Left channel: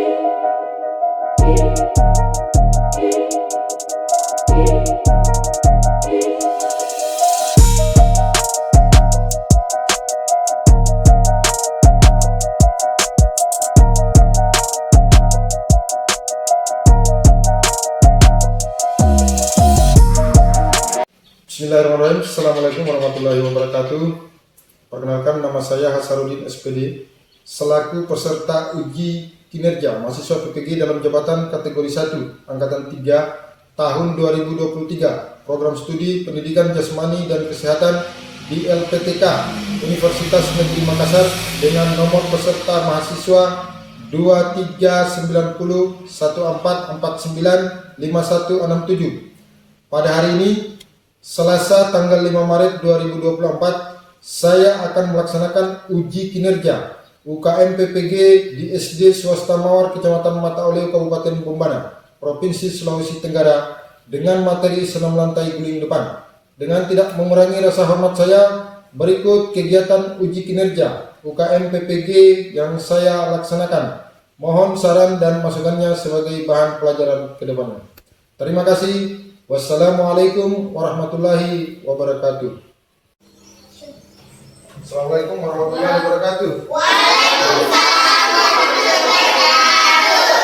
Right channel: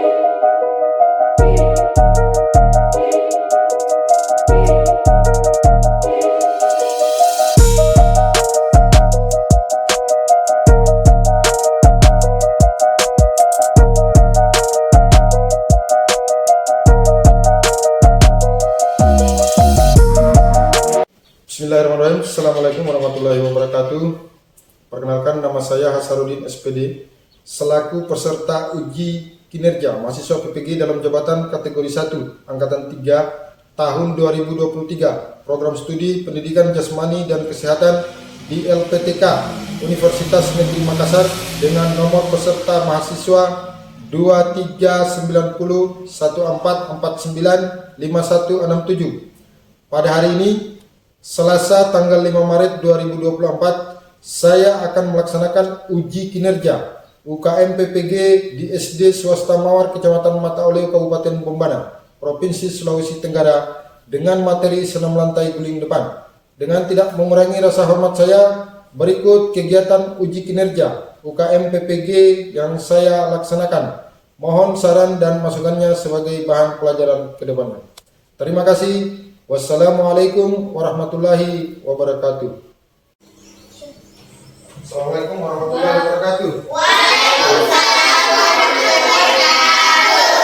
Bismillahirrahmanirrahim. Assalamualaikum warahmatullahi wabarakatuh. Perkenalkan, nama saya Hasanuddin SPD, selaku peserta uji kinerja mahasiswa PPG dalam jabatan kategori 1 Angkatan 3 tahun 2023, program studi pendidikan jasmani dan kesehatan di LPTK Universitas Negeri Makassar dengan nomor peserta mahasiswa 239014495167. Pada hari ini, Selasa tanggal 5 Maret 2024, saya akan melaksanakan uji kinerja UKM PPG di SD Swasta Mawar, Kecamatan Mata Oleo, Kabupaten Bombana, Provinsi Sulawesi Tenggara, dengan materi senam lantai guling depan. Dengan tidak mengurangi rasa hormat saya, berikut kegiatan uji kinerja UKM PPG yang saya laksanakan. Mohon saran dan masukannya sebagai bahan pelajaran ke depannya. Terima kasih. Wassalamualaikum warahmatullahi wabarakatuh. Assalamualaikum warahmatullahi wabarakatuh. Waalaikumsalam warahmatullahi wabarakatuh.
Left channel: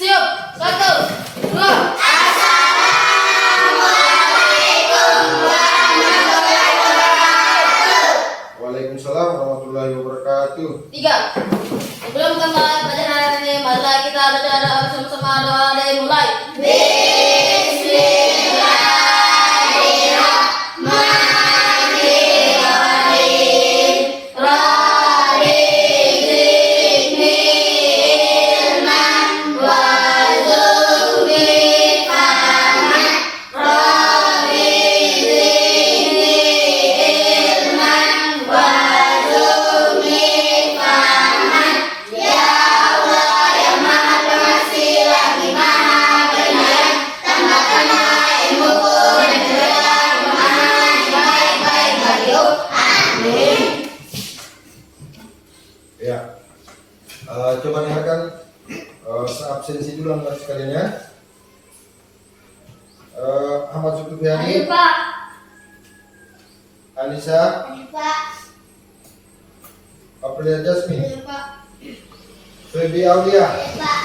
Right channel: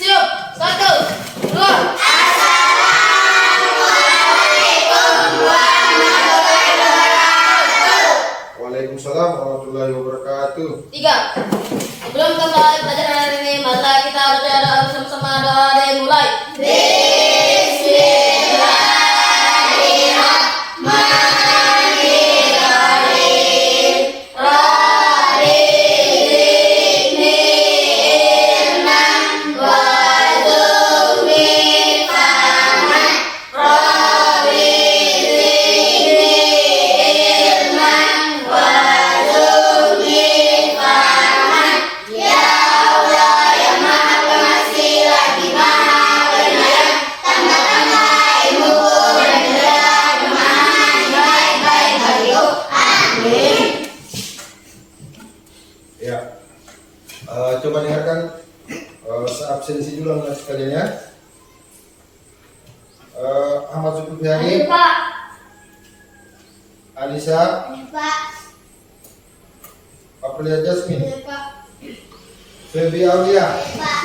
Siap, 1, 2. Assalamualaikum warahmatullahi wabarakatuh. Waalaikumsalam warahmatullahi wabarakatuh. 3. Sebelum kembali pelajaran hari ini, marilah kita berdoa bersama-sama. Doa dimulai. Ya, coba dengarkan seabsensi dulu anak sekalian ya. Ahmad Zulfiqri, Pak. Anissa, Pak. Aprilia Jasmine, Pak. Febi Aulia, Pak.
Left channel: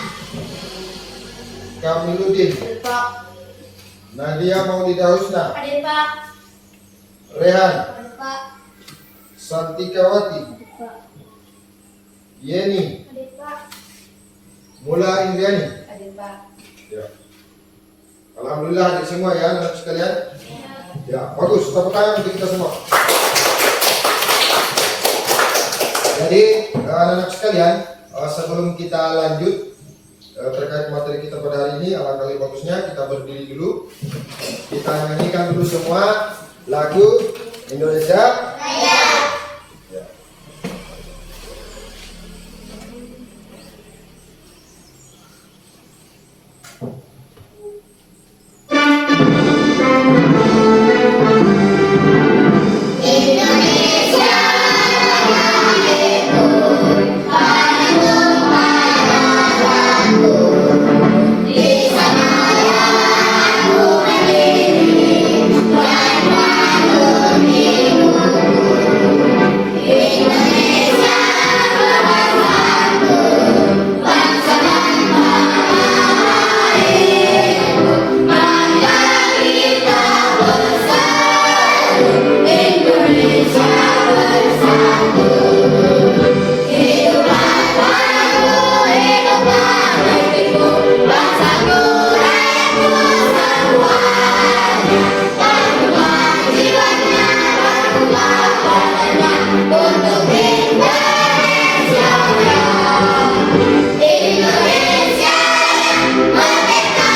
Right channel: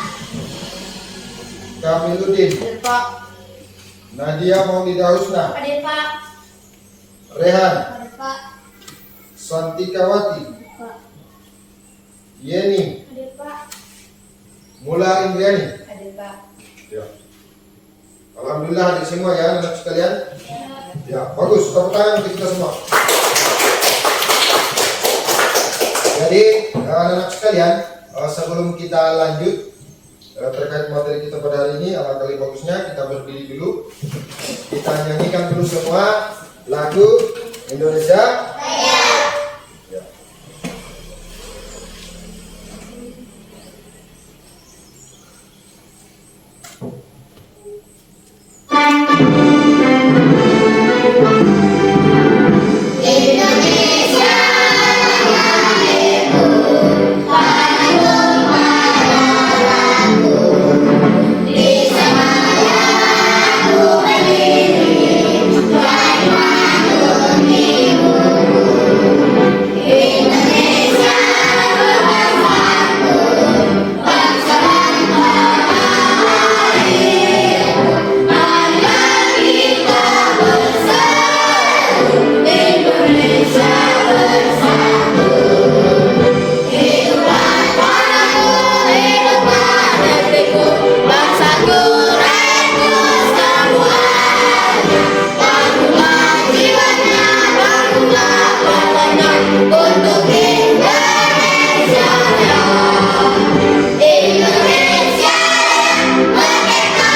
Kamiluddin, Pak. Nadia Maulida Husna, Hadir, Pak. Rehan, Hadir, Pak. Santikawati, Pak. Yeni, Hadir, Pak. Mula Indriani. Hadir, Pak. Ya. Alhamdulillah hadir semua ya anak sekalian. Ya, bagus. Tepuk tangan untuk kita semua. Jadi anak-anak sekalian, sebelum kita lanjut terkait materi kita pada hari ini, alangkah lebih bagusnya kita berdiri dulu. Kita nyanyikan dulu semua lagu Indonesia Raya. Ya. Indonesia merdeka,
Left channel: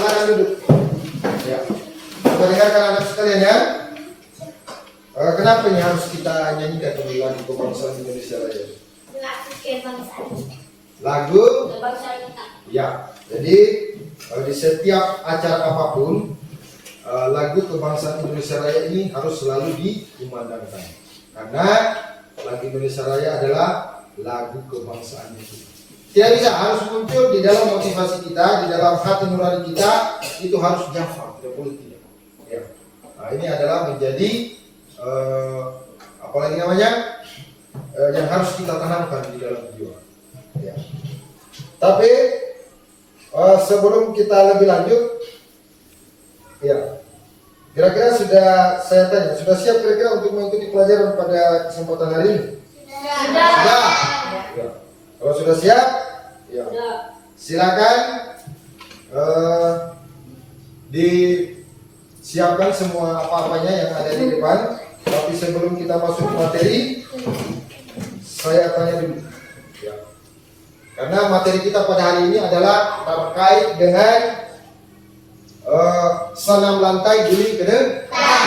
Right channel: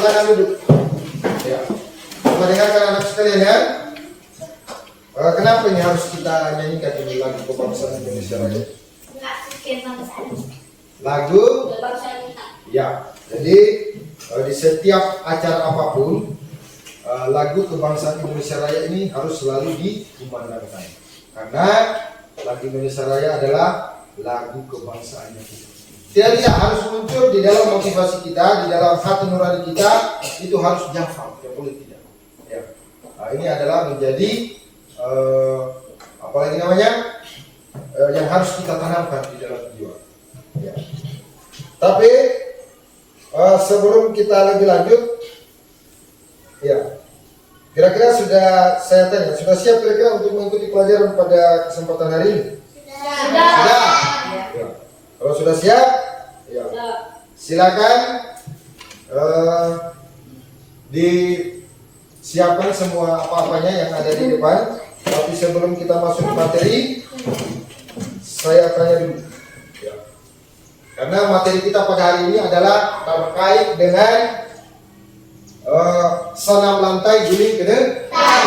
silakan duduk. Ya. Coba dengarkan anak sekalian ya. Kenapa ini harus kita nyanyikan ini lagu kebangsaan Indonesia Raya? Lagu ya. Jadi di setiap acara apapun lagu kebangsaan Indonesia Raya ini harus selalu dikumandangkan. Karena lagu Indonesia Raya adalah lagu kebangsaan kita. Tidak bisa harus muncul di dalam motivasi kita, di dalam hati nurani kita, itu harus jafar, ya boleh tidak. Ya. Nah, ini adalah menjadi apalagi namanya yang harus kita tanamkan di dalam jiwa. Ya. Tapi sebelum kita lebih lanjut, ya kira-kira sudah saya tanya, sudah siap kira-kira untuk mengikuti pelajaran pada kesempatan hari ini? Sudah. Ya. Kalau sudah siap, ya silakan disiapkan semua apa-apanya yang ada di depan. Tapi sebelum kita masuk ke materi, saya tanya dulu. Ya. Karena materi kita pada hari ini adalah terkait dengan senam lantai guling ke depan,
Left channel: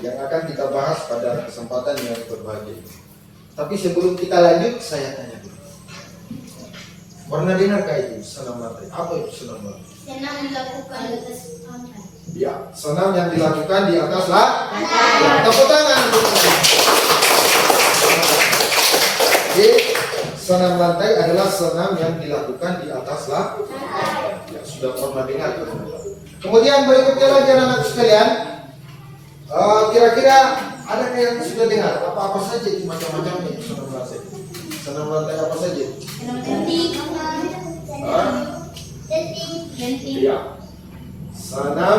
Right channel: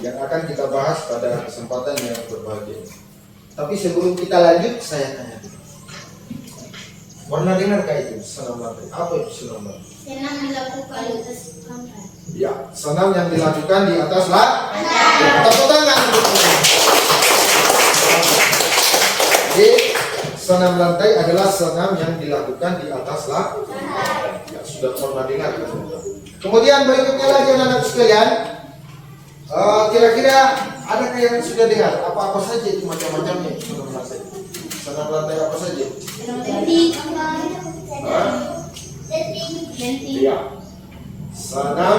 yang akan kita bahas pada kesempatan yang berbahagia. Tapi sebelum kita lanjut, saya tanya dulu. Pernah dengarkah itu senam lantai? Apa itu senam lantai? Senam dilakukan di atas lantai. Ya, senam yang dilakukan di atas lantai. Tepuk tangan. Jadi, senam lantai adalah senam yang dilakukan di atas lantai. Ya, sudah pernah dengar. Kemudian berikutnya lagi anak-anak sekalian, kira-kira adakah yang sudah dengar apa-apa saja itu macam-macamnya itu senam lantai? Senam lantai apa saja? Iya. Senam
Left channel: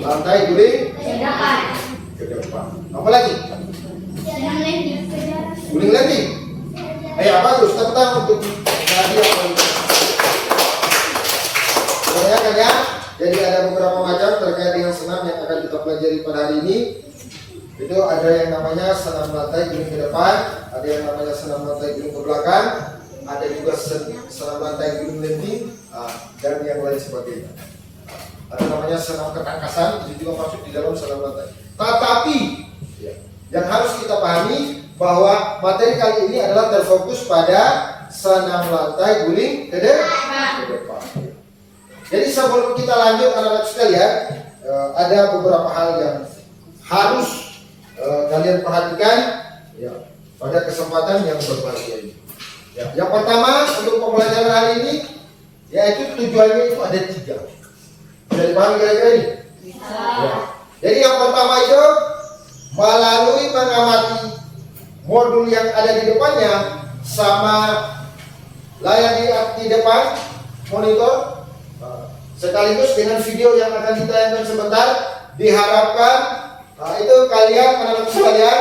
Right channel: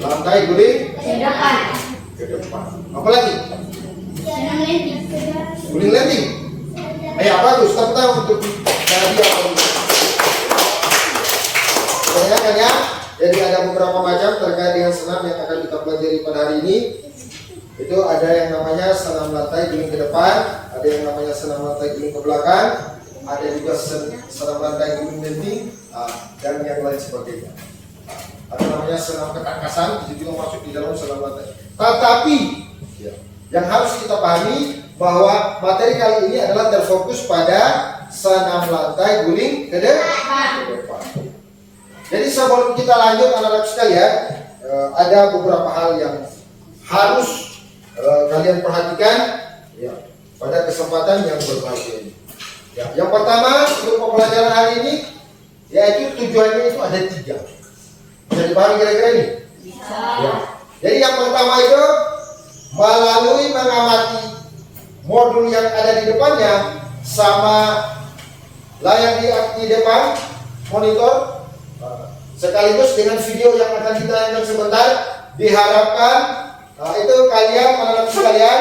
lantai guling ke depan. Apa lagi? Guling landing. Apa tuh? Tepuk tangan untuk tadi apa? Tanyakan ya. Jadi ada beberapa macam terkait dengan senam yang akan kita pelajari pada hari ini. Itu ada yang namanya senam lantai guling ke depan, ada yang namanya senam lantai guling ke belakang, ada juga senam lantai guling landing, dan yang lain sebagainya. Ada namanya senam ketangkasan, itu juga masuk di dalam senam lantai. Tetapi yang harus kita pahami bahwa materi kali ini adalah terfokus pada senam lantai guling ke depan. Jadi sebelum kita lanjut anak-anak sekalian, ada beberapa hal yang harus kalian perhatikan ya, pada kesempatan yang berbahagia ini. Ya, yang pertama untuk pembelajaran hari ini, yaitu tujuannya itu ada 3. Bisa dipahami kira-kira ini? Ya. Jadi yang pertama itu melalui mengamati modul yang ada di depannya sama layar di depan monitor. Sekaligus dengan video yang akan ditayangkan sebentar, diharapkan itu kalian anak-anak sekalian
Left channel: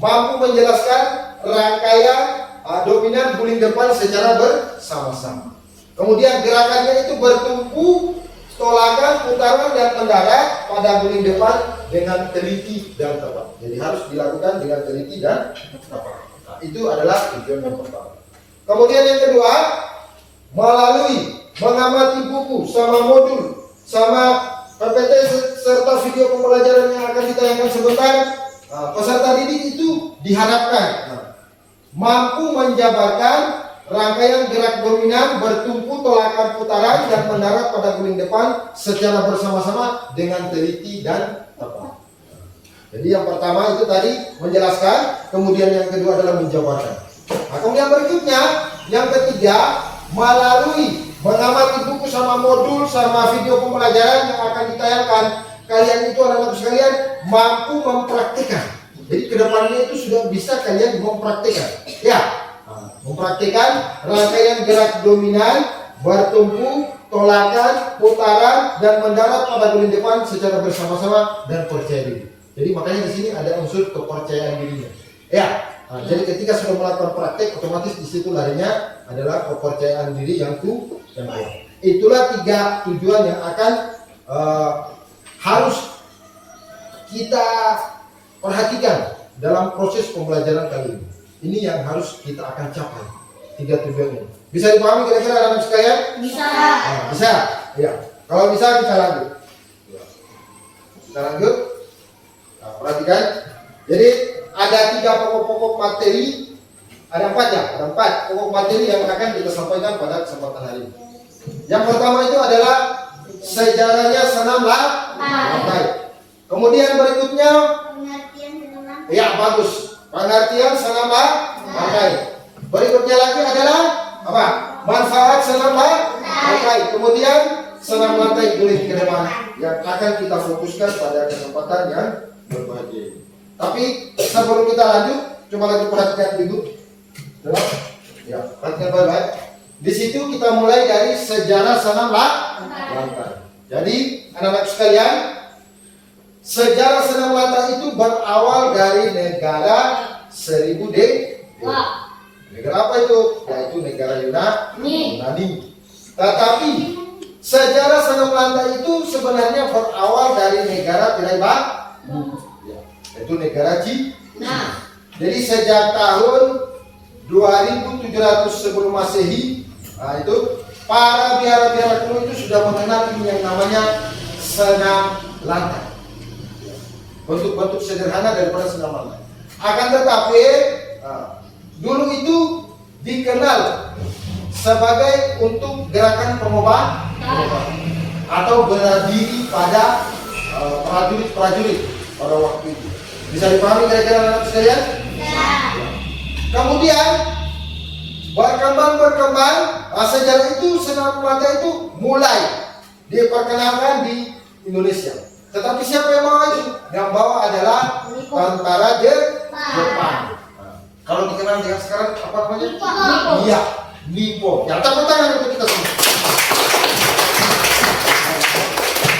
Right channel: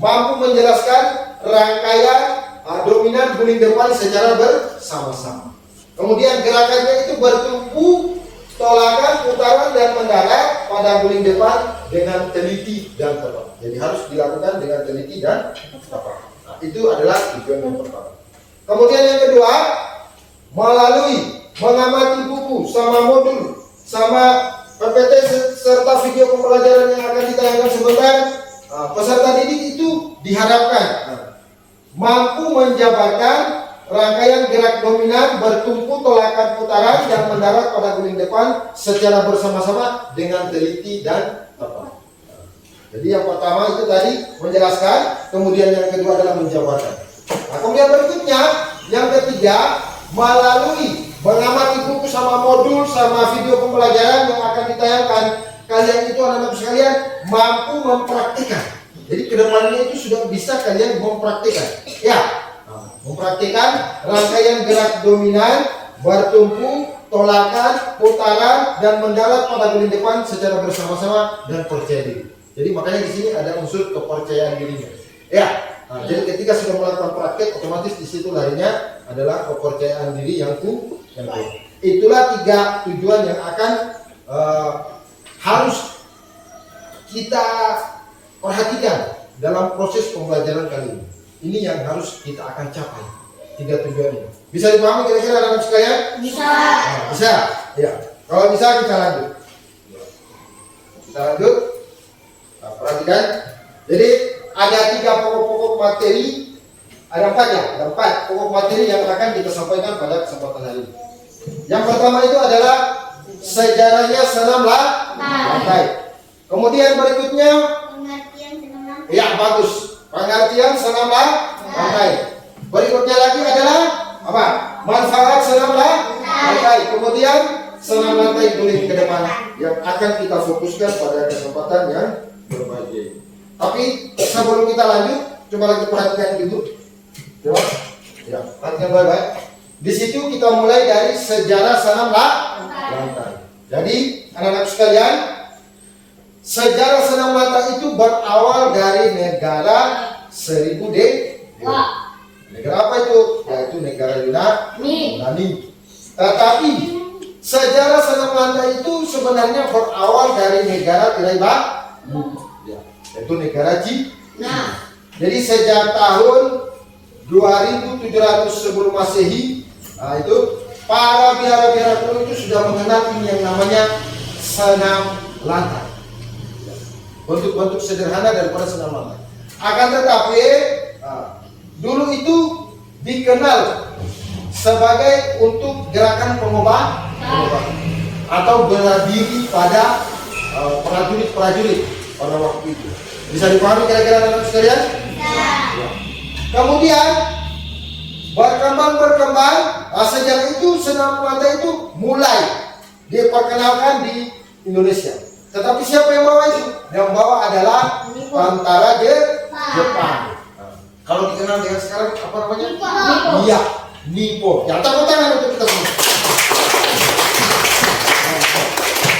mampu menjelaskan rangkaian dominan guling depan secara bersama-sama. Kemudian gerakannya itu bertumpu, tolakan, putaran dan mendarat pada guling depan dengan teliti dan tepat. Jadi harus dilakukan dengan teliti dan tepat. Itu adalah tujuan yang pertama. Kemudian yang kedua, melalui mengamati buku sama modul sama PPT serta video pembelajaran yang akan ditayangkan sebentar, peserta didik itu diharapkan mampu menjabarkan rangkaian gerak dominan bertumpu, tolakan, putaran yang mendarat pada guling depan secara bersama-sama dengan teliti dan tepat. Jadi yang pertama itu tadi menjelaskan, kemudian yang kedua adalah menjabarkan. Nah, kemudian berikutnya yang ketiga, melalui mengamati buku sama modul sama video pembelajaran yang akan ditayangkan, kalian itu anak-anak sekalian mampu mempraktikkan. Jadi kedepannya itu sudah bisa kalian mempraktikkan. Ya, mempraktikkan rangkaian gerak dominan, bertumpu, tolakan, putaran dan mendarat pada guling depan secara bersama-sama dan percaya diri. Jadi makanya di sini ada unsur kepercayaan dirinya. Ya. Jadi ketika sudah melakukan praktek, otomatis di situ larinya adalah kepercayaan diri yang kuat. Itulah 3 tujuan yang akan harus kita perhatikan dalam proses pembelajaran kali ini. Ini yang harus kita akan capai. 3 tujuan ini. Bisa dipahami kira-kira anak-anak sekalian? Bisa. Bisa. Ya. Kalau bisa kita lanjut. Kita lanjut. Nah, perhatikan. Jadi ada 3 pokok-pokok materi. Ada 4 ya, ada 4 pokok materi yang akan kita sampaikan pada kesempatan hari ini. Yang pertama itu adalah sejarahnya senam lantai. Kemudian berikutnya, Pengertian senam lantai. ya bagus, pengertian senam lantai. Berikutnya lagi adalah apa? Manfaat senam lantai. Kemudian senam lantai boleh ke depan yang akan kita fokuskan pada kesempatan yang berbahagia. Tapi sebelum kita lanjut, coba lagi perhatikan gitu. Coba, ya, perhatikan baik-baik. Di situ kita mulai dari sejarah senam lantai. Jadi anak-anak sekalian, sejarah senam lantai itu berawal dari negara 1000 Wah. Negara apa itu? Yaitu negara Nih. Yunani. Tetapi sejarah senam lantai itu sebenarnya berawal dari negara tirai bambu, ya, yaitu negara Cina. Nah. Jadi sejak tahun 2700 sebelum Masehi, nah itu para biara-biara kuno itu sudah mengenal ini yang namanya senam lantai. Ya, bentuk-bentuk sederhana daripada senam lantai. Akan tetapi dulu itu dikenal sebagai untuk gerakan pengobatan atau berdiri pada prajurit pada waktu itu. Bisa dipahami kira-kira anak sekalian? Kemudian berkembang, sejarah itu senam lantai itu mulai diperkenalkan di Indonesia. Tetapi siapa yang bawa itu? Yang bawa adalah tentara Jepang. Kalau dikenal dengan sekarang apa namanya? Nippon. Iya, Nippon. Ya, tepuk tangan untuk kita semua.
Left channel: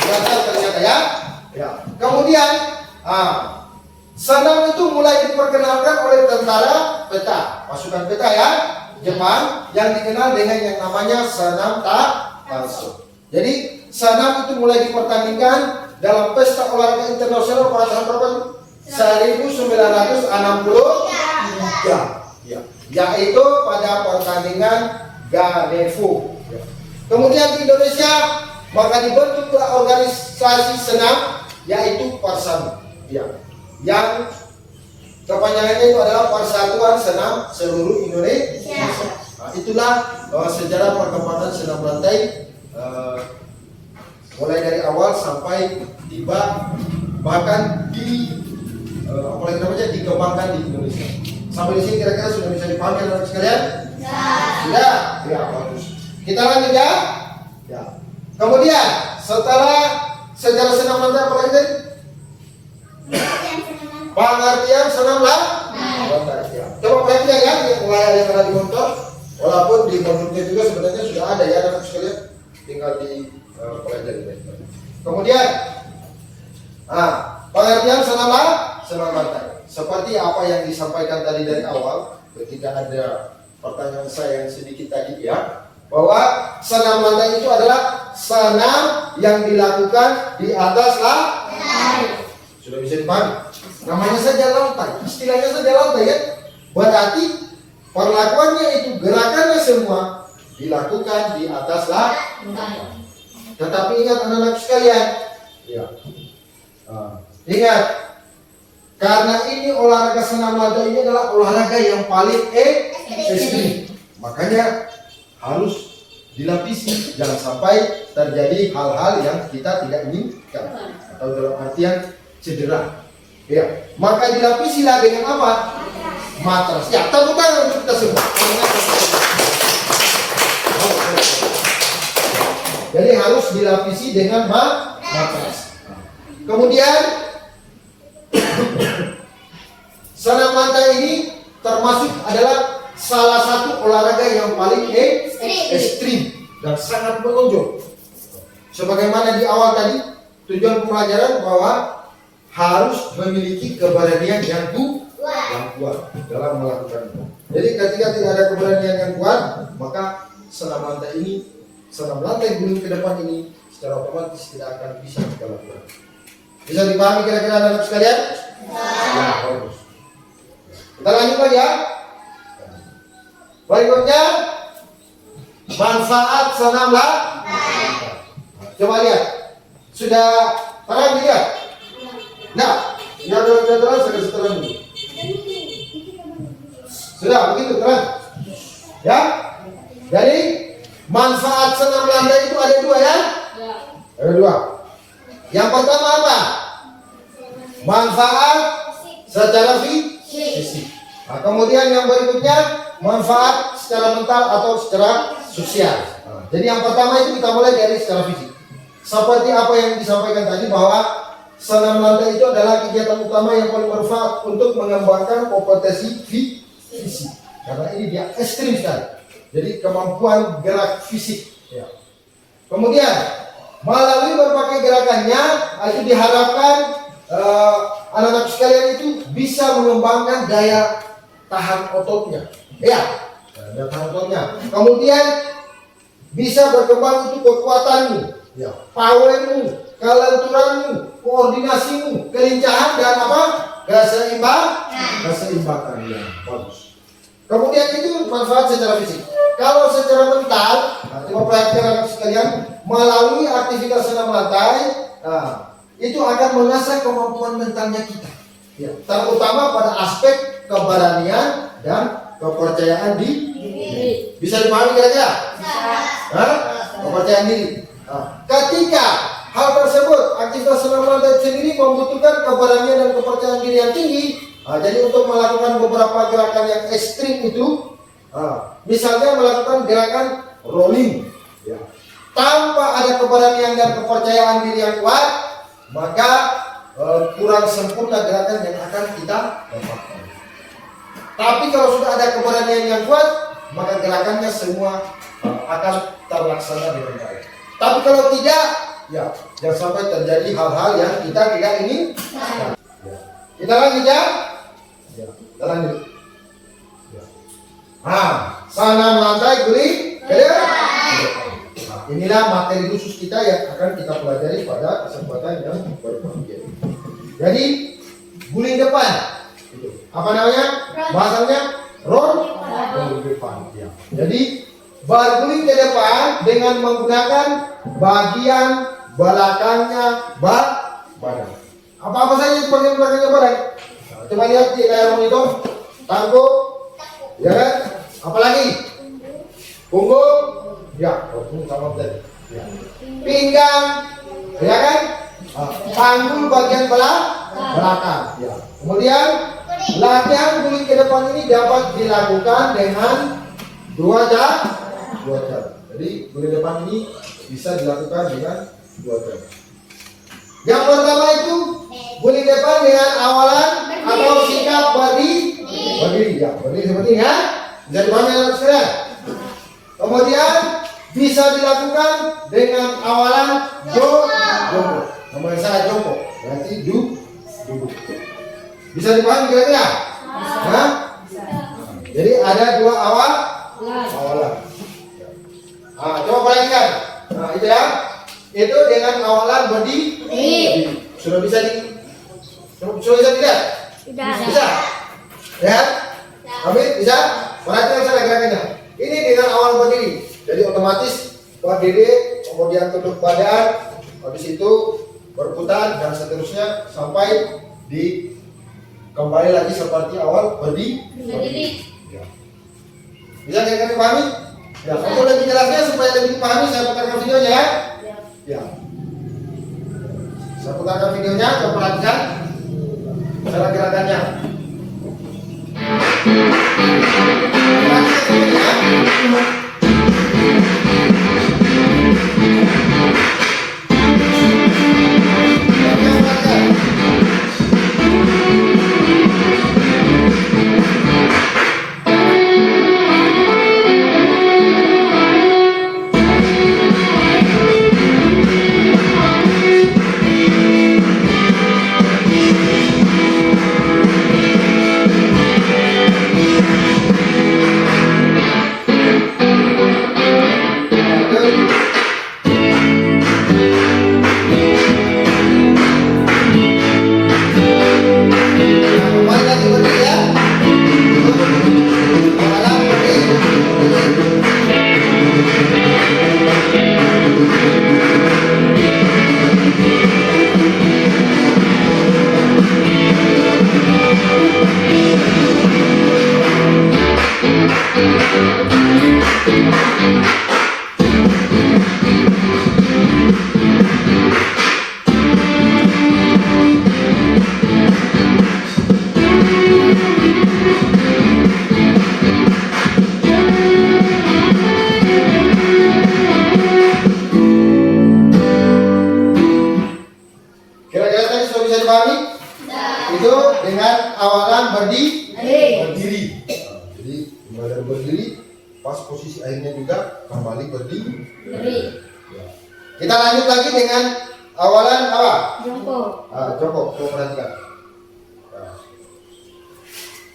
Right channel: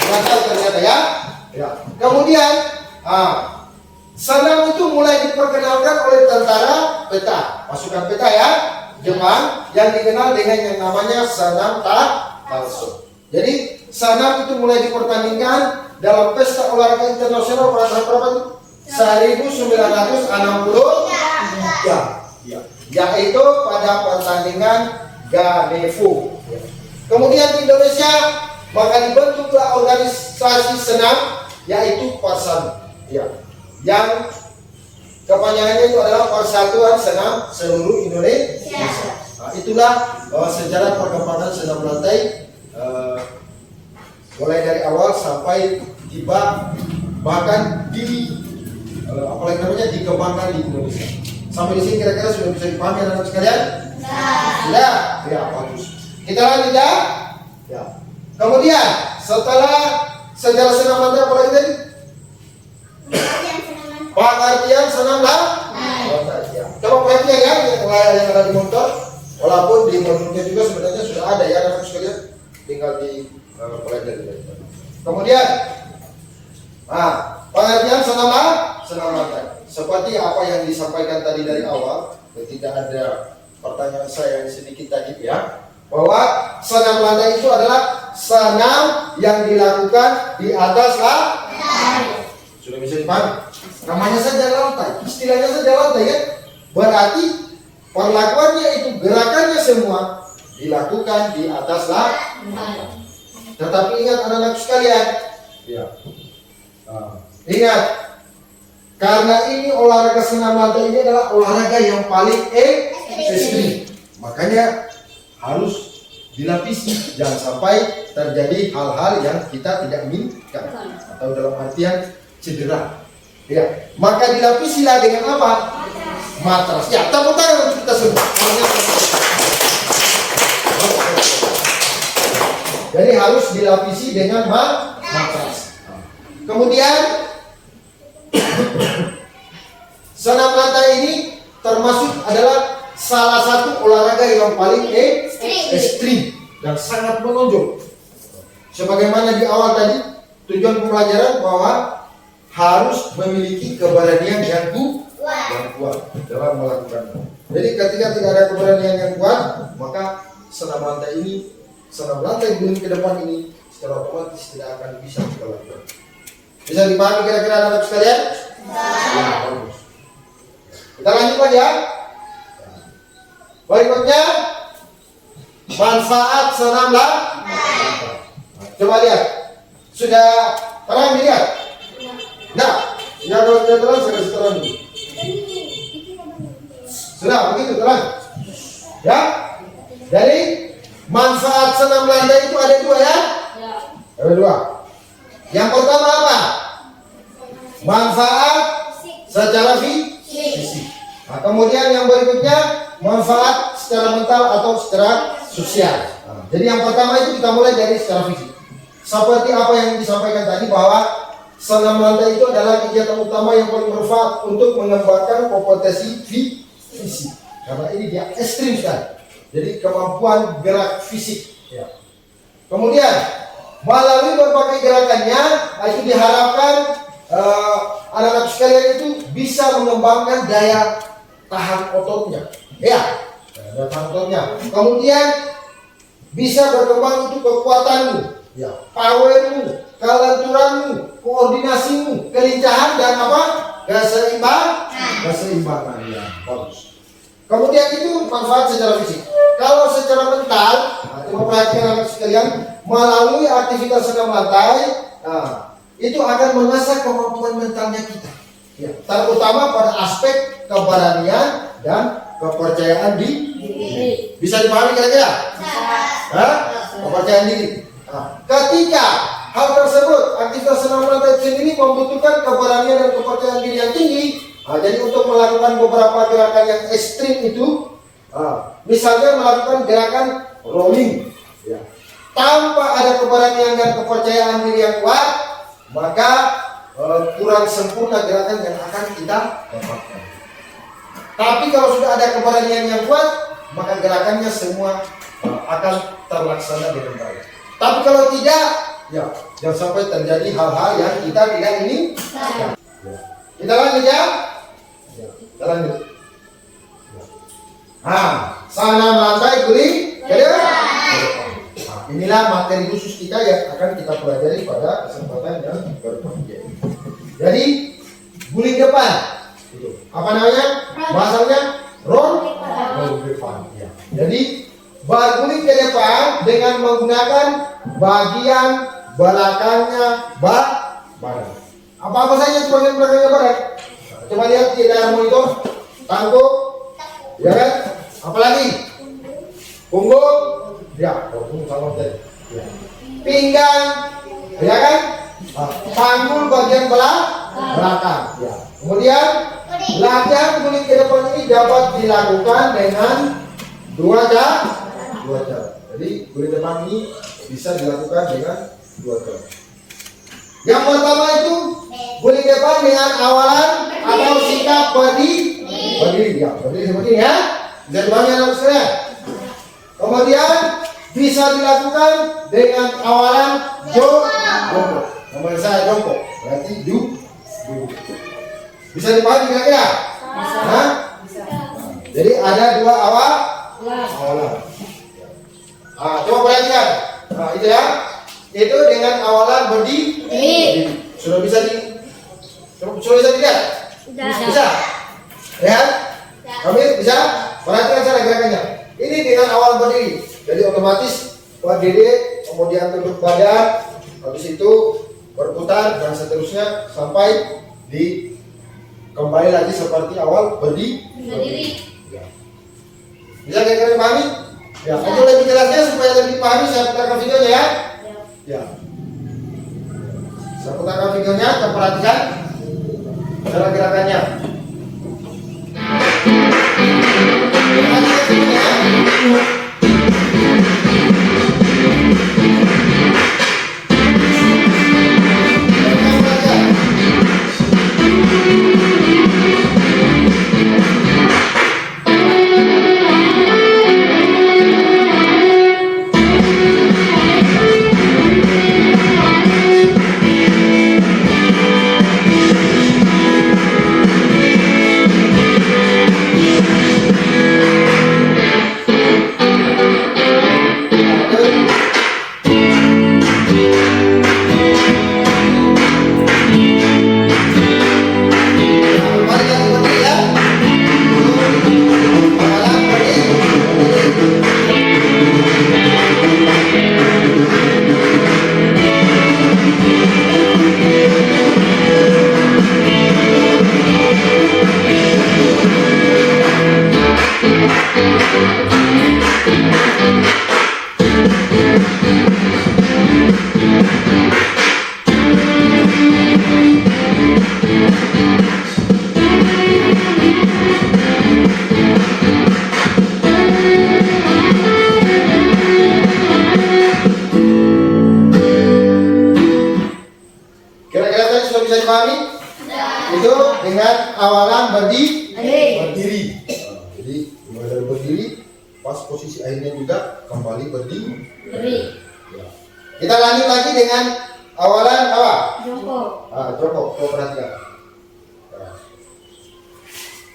Gagal ternyata ya. Ya. Kemudian, senam itu mulai diperkenalkan oleh tentara peta, pasukan peta ya, Jepang, yang dikenal dengan yang namanya senam Tanso. Jadi senam itu mulai dipertandingkan dalam pesta olahraga internasional pada tahun berapa itu? 1963, ya, yaitu pada pertandingan Ganevo. Ya. Kemudian di Indonesia maka dibentuklah organisasi senam yaitu Persadu, ya, yang kepanjangannya itu adalah Persatuan Senam Seluruh Indonesia. Nah, itulah bahwa sejarah perkembangan senam lantai mulai dari awal sampai tiba bahkan di apalagi namanya dikembangkan di Indonesia. Sampai di sini kira-kira sudah bisa dipahami anak-anak sekalian? Ya, ya bagus. Kita lanjut ya. Ya. Kemudian setelah sejarah senam lantai apa lagi tadi? Pengertian senam lantai. Ya. Coba perhatikan ya, yang mulai yang ada di motor, walaupun di motornya juga sebenarnya sudah ada ya anak-anak sekalian, tinggal di mulai dari baik. Kemudian, pengertian senam lantai. Seperti apa yang disampaikan tadi dari awal, ketika ada pertanyaan saya yang sedikit tadi ya, bahwa senam lantai itu adalah senam yang dilakukan di atas lantai. Sudah bisa dipahami? Namanya saja lantai, istilahnya saja lantai kan? Berarti perlakuannya itu gerakannya semua dilakukan di atas lantai. Tetapi ingat anak-anak sekalian, ya, ingat, karena ini olahraga senam lantai ini adalah olahraga yang paling ekstrim, makanya harus dilapisi, jangan sampai terjadi hal-hal yang kita tidak inginkan atau dalam artian cedera. Ya, maka dilapisilah dengan apa? Matras. Ya, tepuk tangan untuk kita semua. Jadi harus dilapisi dengan matras. Kemudian senam lantai ini termasuk adalah salah satu olahraga yang paling ekstrim dan sangat menonjol. Sebagaimana di awal tadi, tujuan pembelajaran bahwa harus memiliki keberanian yang kuat dalam melakukannya. Jadi ketika tidak ada keberanian yang kuat, maka senam lantai guling ke depan ini secara otomatis tidak akan bisa kita lakukan. Bisa dipahami kira-kira anak sekalian? Kita lanjut lagi ya. Berikutnya manfaat senam lantai. Coba lihat. Sudah terang dilihat? Tidak. Yang kalau tidak terang saya kasih terang dulu. Sudah begitu terang. Ya. Jadi manfaat senam melandai itu ada dua ya? Ya. Ada dua. Yang pertama apa? Manfaat secara fisik. Nah, kemudian yang berikutnya manfaat secara mental atau secara sosial. Nah, jadi yang pertama itu kita mulai dari secara fisik. Seperti apa yang disampaikan tadi bahwa senam melandai itu adalah kegiatan utama yang paling bermanfaat untuk mengembangkan kompetensi fisik. Karena ini dia ekstrim sekali. Jadi kemampuan gerak fisik. Ya. Kemudian melalui berbagai gerakannya itu diharapkan anak-anak sekalian itu bisa mengembangkan daya tahan ototnya. Ya, daya tahan ototnya. Kemudian bisa berkembang untuk kekuatanmu, ya, powermu, kelenturanmu, koordinasimu, kelincahan dan apa? Keseimbangan. Ya, bagus. Kemudian itu manfaat secara fisik. Kalau secara mental, coba perhatikan anak sekalian, melalui aktivitas senam lantai, itu akan mengasah kemampuan mentalnya kita. Ya, terutama pada aspek keberanian dan kepercayaan diri. Bisa dipahami kira-kira? Kepercayaan diri. Ketika hal tersebut, aktivitas senam lantai sendiri membutuhkan keberanian dan kepercayaan diri yang tinggi. Jadi untuk melakukan beberapa gerakan yang ekstrim itu, misalnya melakukan gerakan rolling, ya, tanpa ada keberanian dan kepercayaan diri yang kuat, maka kurang sempurna gerakan yang akan kita lakukan. Tapi kalau sudah ada keberanian yang kuat, maka gerakannya semua akan terlaksana dengan baik. Tapi kalau tidak, ya jangan sampai terjadi hal-hal yang kita tidak ingin. Ya. Kita lanjut ya. Kita lanjut. Senam lantai guling ke depan. Inilah materi khusus kita yang akan kita pelajari pada kesempatan yang berbahagia. Jadi guling depan itu apa namanya? Pasalnya roll depan. Ya. Jadi berguling ke depan dengan menggunakan bagian belakangnya badan. Apa saja itu bagian belakangnya badan? Coba lihat di layar monitor. Tangkuk, ya kan? Apalagi? Punggung, ya. Punggung kalau tadi. Ya. Pinggang, ya kan? Panggul bagian belakang. Ya. Kemudian latihan guling ke depan ini dapat dilakukan dengan dua cara. Jadi guling depan ini bisa dilakukan dengan dua cara. Yang pertama itu guling depan dengan awalan atau sikap berdiri. Ya, berdiri seperti ini ya. Bisa dipahami anak sekalian. Kemudian bisa dilakukan dengan awalan jongkok. Nama saya jongkok, berarti duduk. Bisa dipahami kira-kira? Bisa. Jadi ada dua awalan. Coba perhatikan. Itu ya. Itu dengan awalan berdiri. Sudah bisa tidak? Bisa. Ya? Kami bisa? Perhatikan sana gerakannya. Ini dengan awal berdiri. Jadi otomatis berdiri, kemudian tunduk badan, habis itu berputar dan seterusnya sampai di kembali lagi seperti awal berdiri. Ya. Bisa kira-kira dipahami? Ya. Untuk lebih jelasnya supaya lebih dipahami, saya putarkan videonya ya. Ya. Saya putarkan videonya, kita perhatikan cara gerakannya. Itu dengan awalan berdiri. Berdiri. Nah, jadi mulai dari berdiri, pas posisi akhirnya juga kembali berdiri. Ya. Kita lanjut lagi dengan awalan apa? Jongkok. Coba perhatikan. Nah.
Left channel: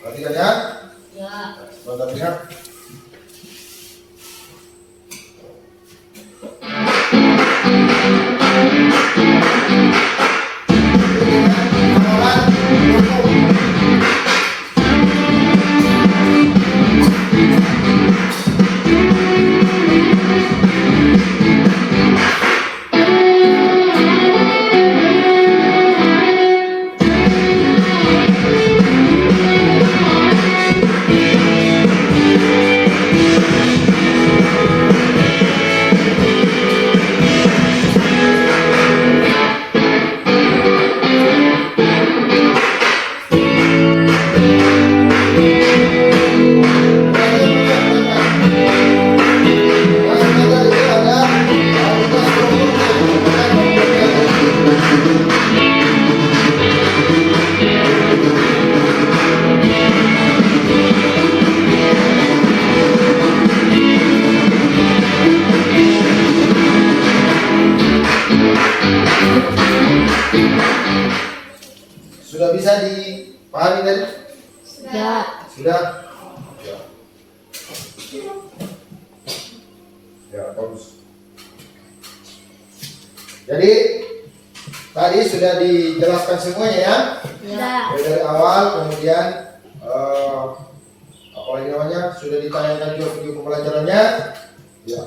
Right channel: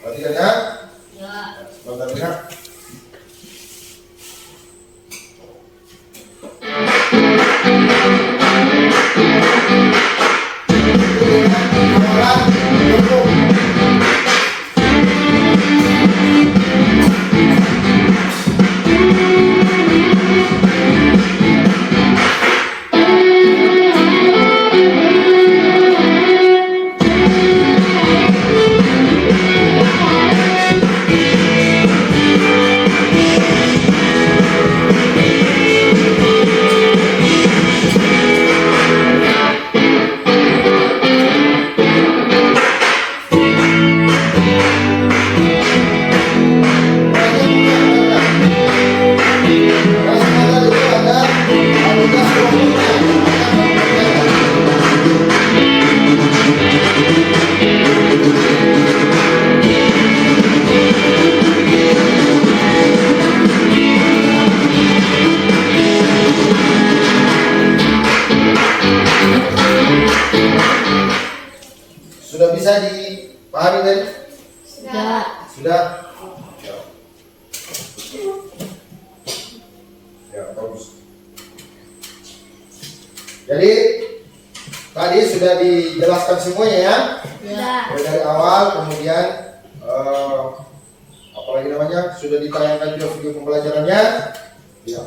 Perhatikan ya. Ya. Sebentar ya. Sudah bisa dipahami tadi? Sudah? Ya. Ya, bagus. Jadi tadi sudah dijelaskan semuanya ya. Dari awal, kemudian apalagi namanya sudah ditayangkan juga video pembelajarannya. Ya.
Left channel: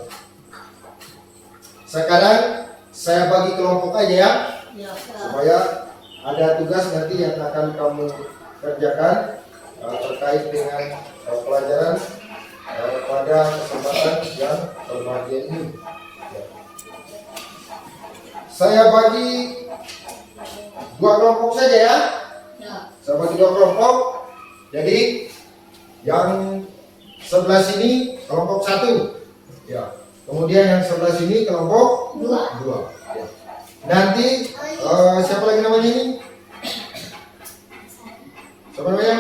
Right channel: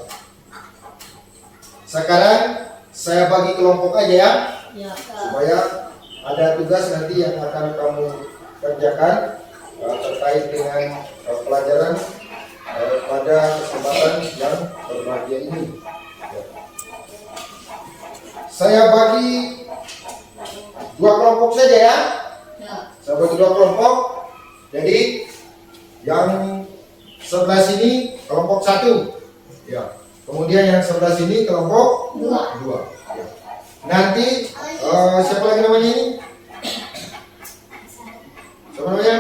Sekarang saya bagi kelompok aja ya, supaya ada tugas nanti yang akan kamu kerjakan terkait dengan pelajaran pada kesempatan yang berbahagia ini. Ya. Saya bagi dua kelompok saja ya. Saya bagi dua kelompok. Jadi yang sebelah sini kelompok 1. Ya. Kemudian yang sebelah sini kelompok 2. Ya. Nanti siapa lagi namanya ini? Siapa namanya?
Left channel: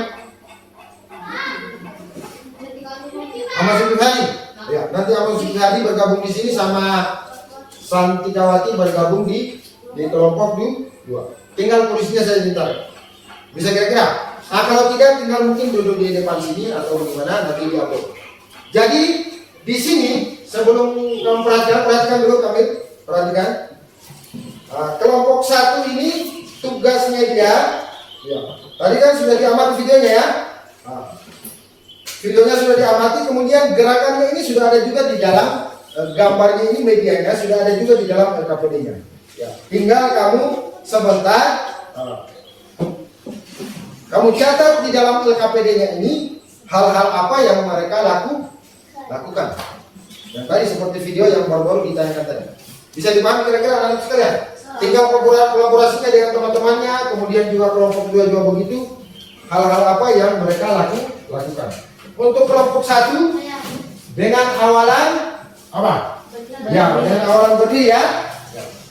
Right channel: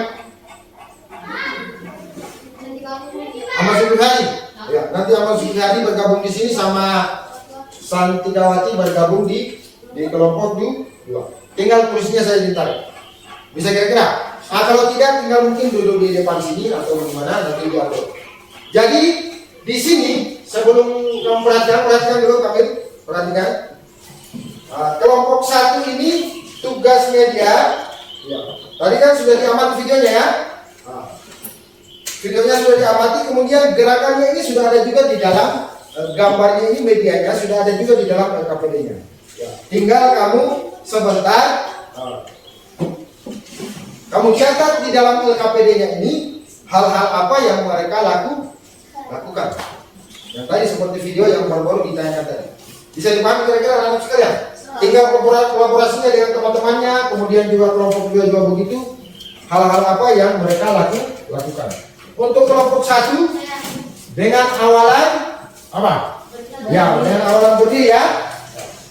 Ahmad Zulhadi. Ya, nanti Ahmad Zulhadi bergabung di sini sama Santidawati bergabung di kelompok 2. Tinggal tulisnya saya ditarik. Bisa kira-kira? Nah, kalau tidak tinggal mungkin duduk di depan sini atau di mana nanti diupload. Jadi di sini sebelum kamu perhatikan dulu kami perhatikan. Kelompok 1 ini tugasnya dia. Ya. Tadi kan sudah diamati videonya ya. Videonya sudah diamati, kemudian gerakannya ini sudah ada juga di dalam gambarnya ini, medianya sudah ada juga di dalam LKPD-nya. Ya. Tinggal kamu sebentar kamu catat di dalam LKPD-nya ini hal-hal apa yang mereka lakukan. Ya, tadi seperti video yang baru-baru ditanyakan tadi. Bisa dipahami kira-kira anak-anak sekalian? Tinggal kolaborasinya dengan teman-temannya, kemudian juga kelompok juga begitu. Hal-hal apa yang mereka lakukan. Untuk kelompok 1 dengan awalan apa? Ya, dengan awalan berdiri ya.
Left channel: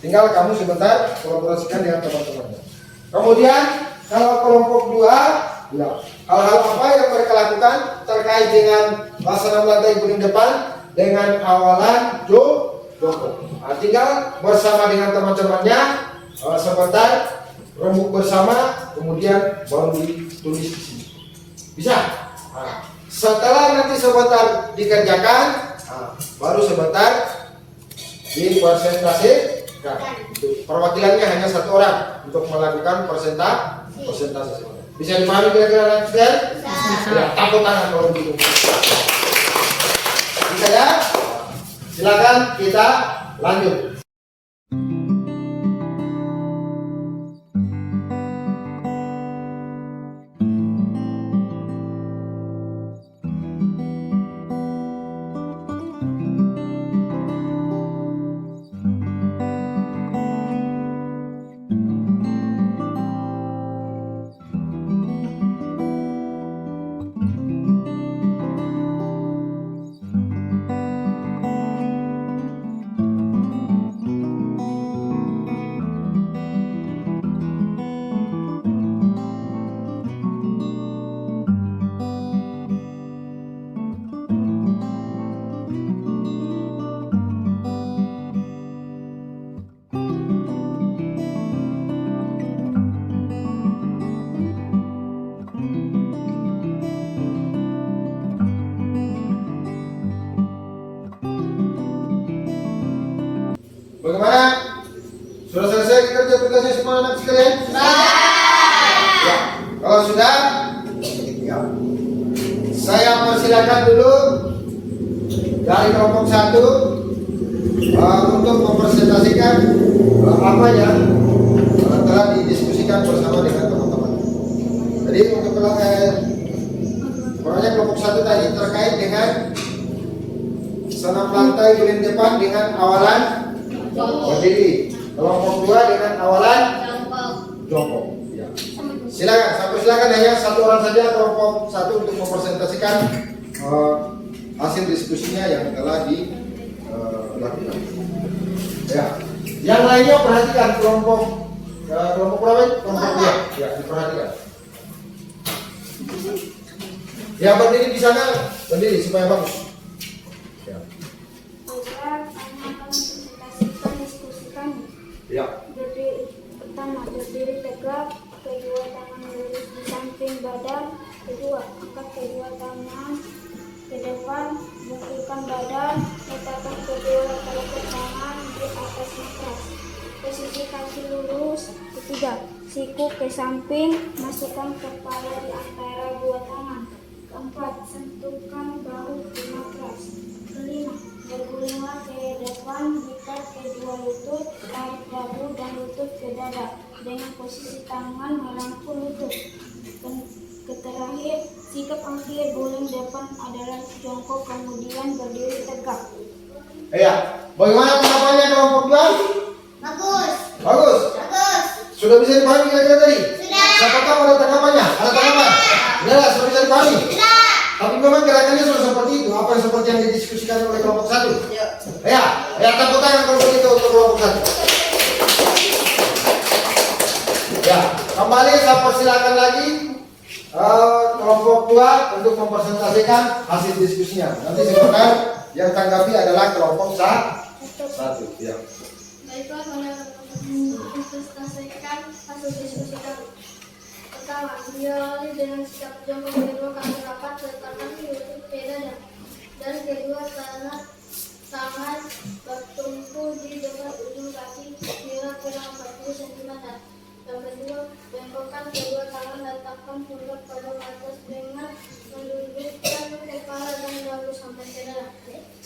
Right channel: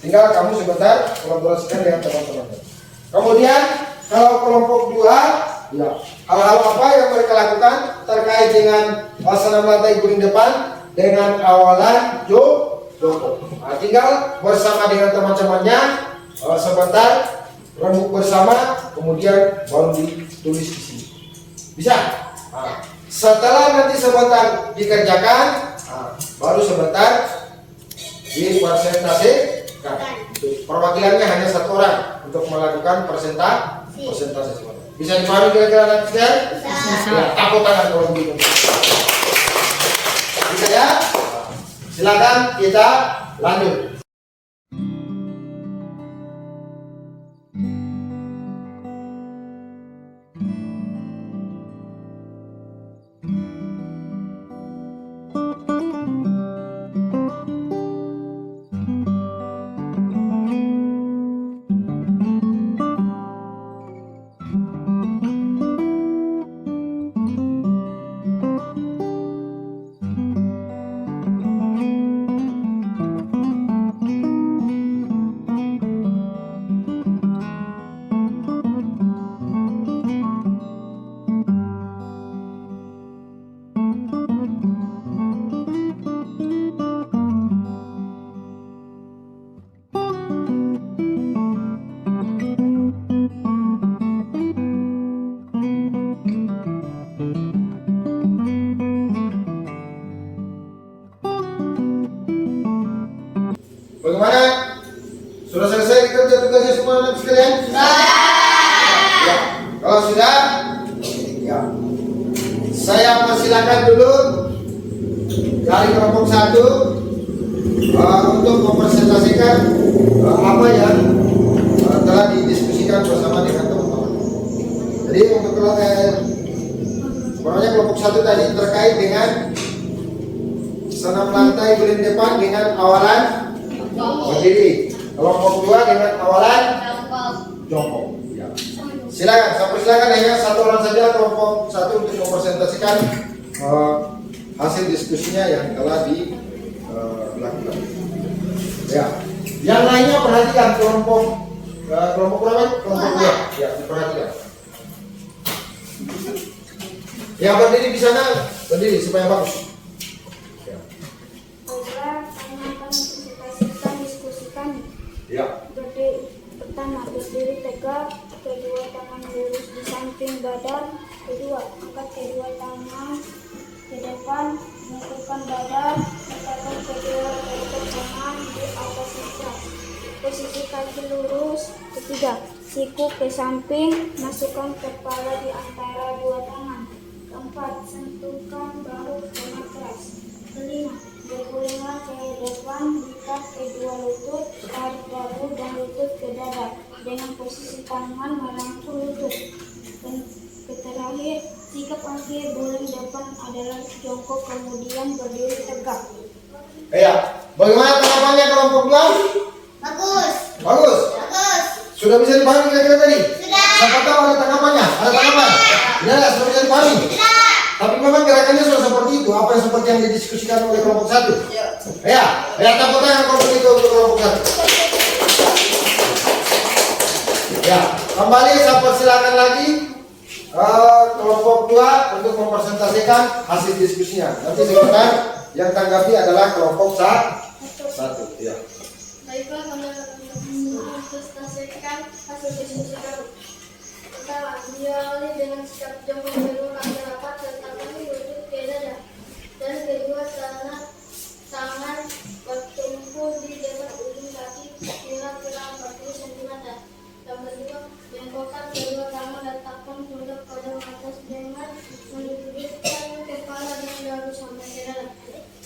Tinggal kamu sebentar kolaborasikan dengan teman-temannya. Kemudian kalau kelompok 2, ya, hal-hal apa yang mereka lakukan terkait dengan laksana melantai kuning depan dengan awalan jongkok. Tinggal bersama dengan teman-temannya sebentar rembuk bersama, kemudian baru ditulis di sini. Bisa? Setelah nanti sebentar dikerjakan, baru sebentar dipresentasikan. Perwakilannya hanya 1 orang untuk melakukan presentasi sebentar. Bisa dipahami kira-kira nanti ya? Ya, tepuk tangan kalau begitu. Bisa ya? Silakan kita lanjut. Sudah selesai kerja tugasnya semua anak sekalian? Ya. Kalau sudah, ya. Saya persilakan dulu dari kelompok 1 untuk mempresentasikan apa yang telah didiskusikan bersama dengan teman-teman. Jadi untuk kelompok 1 tadi terkait dengan senam lantai guling depan dengan awalan berdiri. Kelompok 2 dengan awalan jongkok. Ya. Silakan hanya satu orang saja kelompok 1 untuk mempresentasikan hasil diskusinya yang telah dilakukan. Ya. Yang lainnya perhatikan kelompok berapa? Kelompok 2. Ya, diperhatikan. Ya, berdiri di sana, berdiri supaya bagus. Ya. Pertama, berdiri tegak, kedua tangan lurus di samping badan, kedua angkat kedua tangan ke depan, bungkukkan badan, letakkan kedua telapak tangan di atas sebelah, posisi kaki lurus, ketiga, siku ke samping, masukkan kepala di antara dua tangan, keempat, sentuhkan bahu ke matras, kelima, berkulinglah ke depan, lipat kedua lutut, tarik bahu dan lutut ke dada dengan posisi tangan merangkul lutut. Terakhir, sikap akhir guling depan adalah jongkok kemudian berdiri tegak. Ya, bagaimana tanggapannya kelompok 2? Bagus. Bagus. Bagus. Sudah bisa dipahami kira-kira tadi? Sudah. Siapa tahu ada tanggapannya? Ada tanggapan? Sudah, sudah bisa dipahami? Sudah. Tapi memang gerakannya sudah seperti itu. Apa yang seperti yang didiskusikan oleh kelompok 1? Ya. Ya, tepuk tangan kalau begitu untuk kelompok 1. Ya, kembali saya persilakan lagi kelompok 2 untuk mempresentasikan hasil diskusinya. Nanti sebentar yang tanggapi adalah kelompok 1. Ya. Baiklah, mempresentasikan hasil diskusi kami. Pertama, diawali dengan sikap jongkok belok kaki rapat letakkan lutut ke dada. Dan kedua, tangan bertumpu di depan ujung kaki kira-kira 40 cm. Yang kedua, bengkokkan kedua tangan letakkan pundak pada atas dengan meluruskan kepala dan dagu sampai ke dada.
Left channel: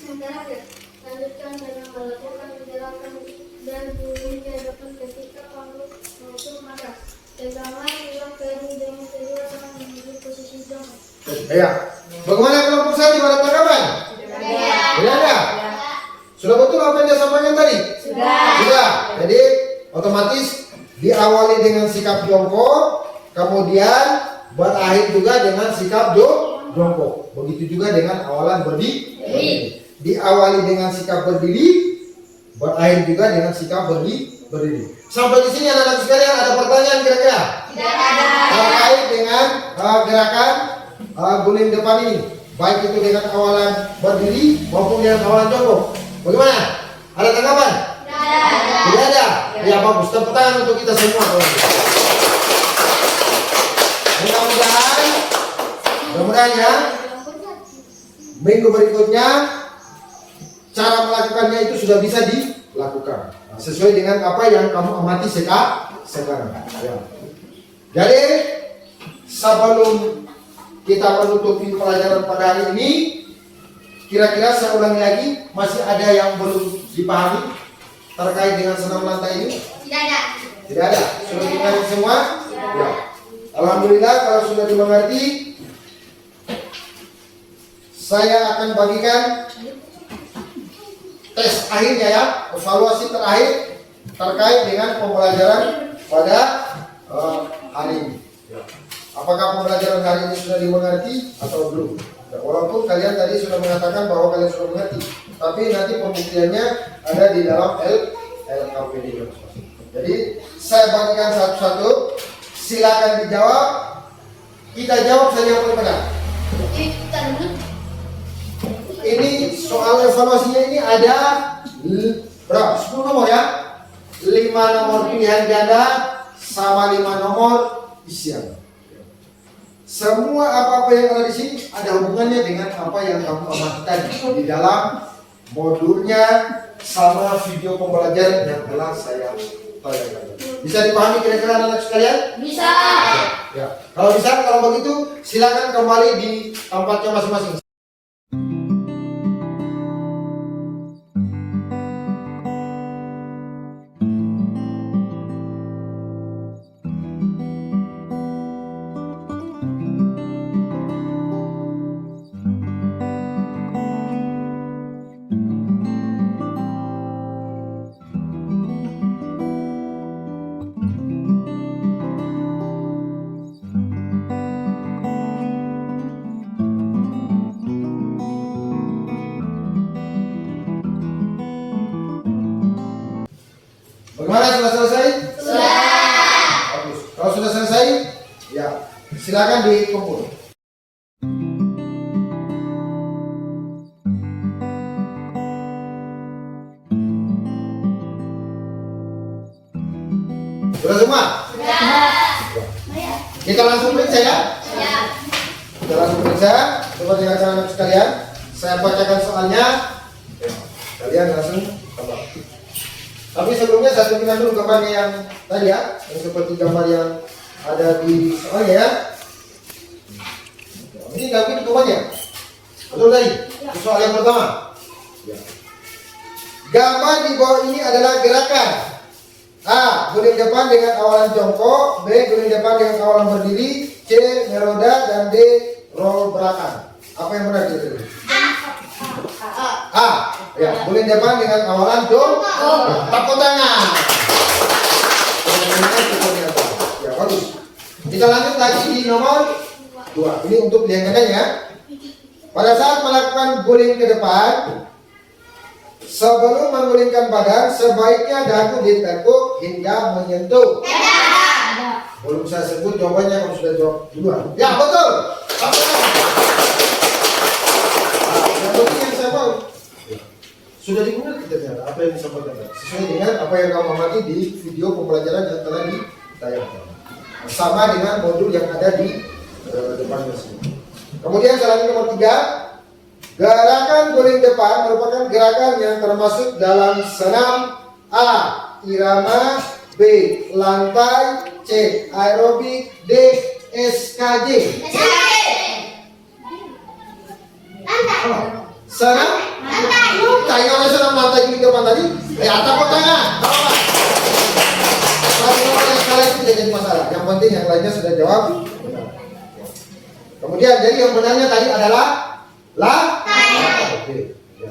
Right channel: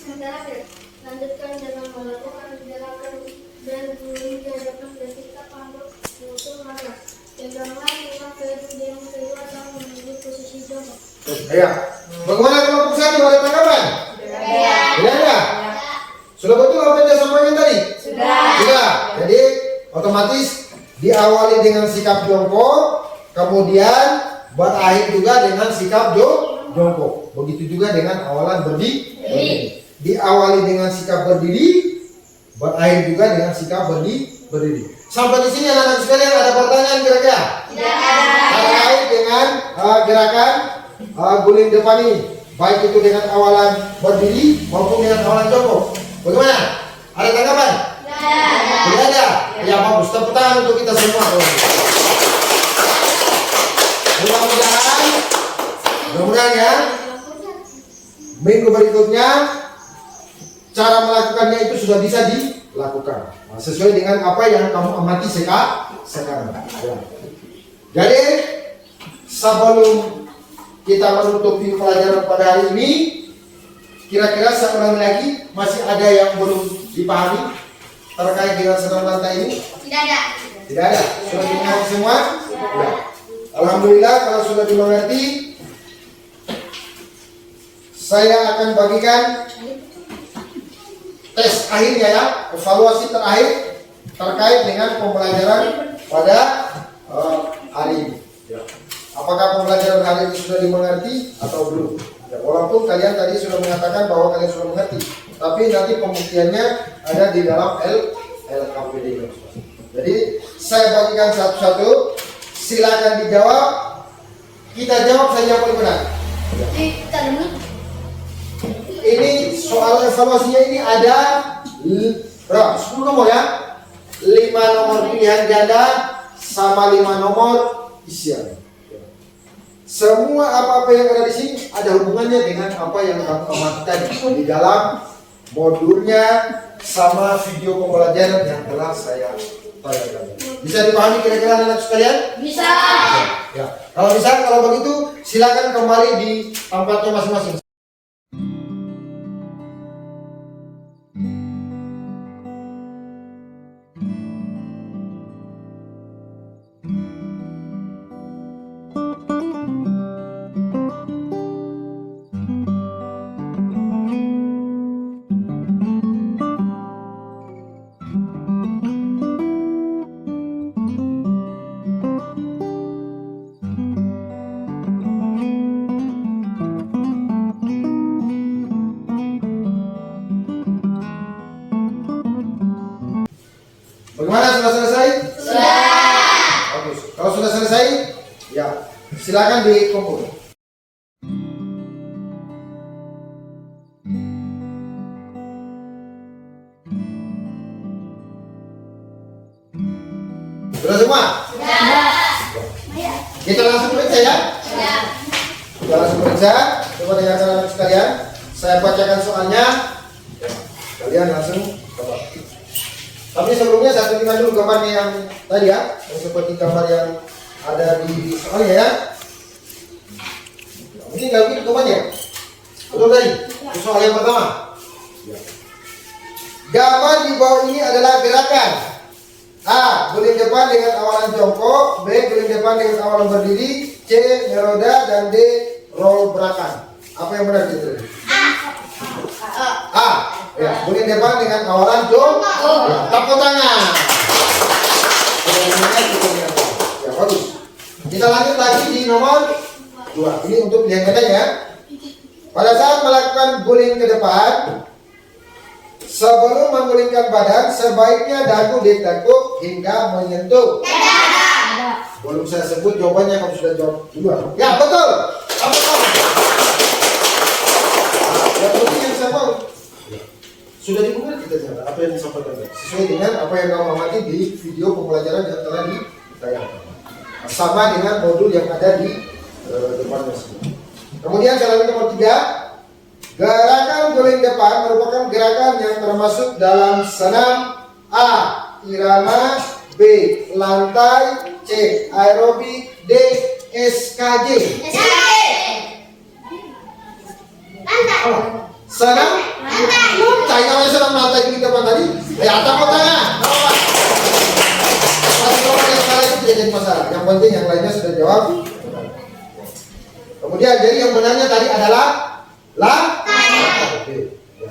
Yang terakhir, lanjutkan dengan melakukan gerakan dan guling ke depan ketika panggul menutup maras. Tegaklah dua kedua dengan kedua tangan menuju posisi jongkok. Ya. Bagaimana kelompok 1 ada tanggapan? Sudah ada? Sudah betul apa yang dia sampaikan tadi? Sudah. Jadi otomatis diawali dengan sikap jongkok, kemudian buat akhir juga dengan sikap jongkok. Begitu juga dengan awalan berdiri. Diawali dengan sikap berdiri, buat akhir juga dengan sikap berdiri. Sampai di sini anak-anak sekalian ada pertanyaan kira-kira? Tidak ada. Terkait dengan gerakan guling depan ini, baik itu dengan awalan berdiri maupun dengan awalan jongkok. Bagaimana? Ada tanggapan? Tidak ada. Ya bagus. Tepuk tangan untuk kita semua. Mudah-mudahan ya. Minggu berikutnya cara melakukannya itu sudah bisa dilakukan sesuai dengan apa yang kamu amati sekarang. Ya. Jadi sebelum kita menutupi pelajaran pada hari ini, kira-kira saya ulangi lagi, masih ada yang belum dipahami terkait dengan senam lantai ini? Tidak ada. Tidak ada. Sudah dimengerti semua? Ya. Alhamdulillah kalau sudah dimengerti, saya akan bagikan tes akhirnya ya, evaluasi terakhir terkait dengan pembelajaran pada hari ini. Ya. Apakah pembelajaran hari ini sudah dimengerti atau belum? Ya, walaupun kalian tadi sudah mengatakan bahwa kalian sudah mengerti, tapi nanti pembuktiannya ada di dalam LKPD. Jadi saya bagikan satu-satu, silakan dijawab. Kita jawab saja yang paling benar. Ini soal evaluasinya ini ada berapa? 10 nomor ya. 5 nomor pilihan ganda sama 5 nomor isian. Semua apa-apa yang ada di sini ada hubungannya dengan apa yang kamu amati di dalam modulnya sama video pembelajaran yang telah saya tayang kalian. Bisa dipahami kira-kira anak-anak sekalian? Bisa. Ya, kalau bisa, kalau begitu silakan kembali di tempatnya masing-masing. Bagaimana, sudah selesai? Sudah. Bagus. Kalau sudah selesai, ya silakan dikumpul. Sudah semua? Sudah. Kita langsung periksa ya. Ya. Kita langsung periksa. Coba dengarkan anak sekalian. Saya bacakan soalnya. Kalian langsung tebak. Tapi sebelumnya saya tunjukkan dulu gambarnya yang tadi ya, yang seperti gambar yang ada di soalnya ya. Ini nggak begini gambarnya. Betul tadi. Soal yang pertama. Gambar di bawah ini adalah gerakan. A. Guling depan dengan awalan jongkok. B. Guling depan dengan awalan berdiri. C. Meroda. Dan D. Roll belakang. Apa yang benar itu? A. Ya, guling depan dengan awalan jongkok. Ya, tepuk tangan. Ya, bagus. Kita lanjut lagi di nomor 2. Ini untuk pilihan bedanya. Pada saat melakukan guling ke depan, sebelum menggulingkan badan, sebaiknya dagu ditekuk hingga menyentuh. Belum saya sebut jawabannya, kamu sudah jawab duluan. Ya, betul. Yang penting yang saya mau. Sudah dibuka kita ternyata apa yang disampaikan sesuai dengan apa yang kamu amati di video pembelajaran yang telah ditayangkan. Sama dengan modul yang ada di depannya. Kemudian saya lanjut nomor 3. Gerakan guling depan merupakan gerakan yang termasuk dalam senam. A. Irama. B. Lantai. C. Aerobik. D. SKJ. Oh, senam. Lantai. Kalau senam lantai guling depan tadi, tepuk tangan. Kalau itu tidak jadi masalah. Yang penting yang lainnya sudah jawab. Kemudian jadi yang benarnya tadi adalah Oke.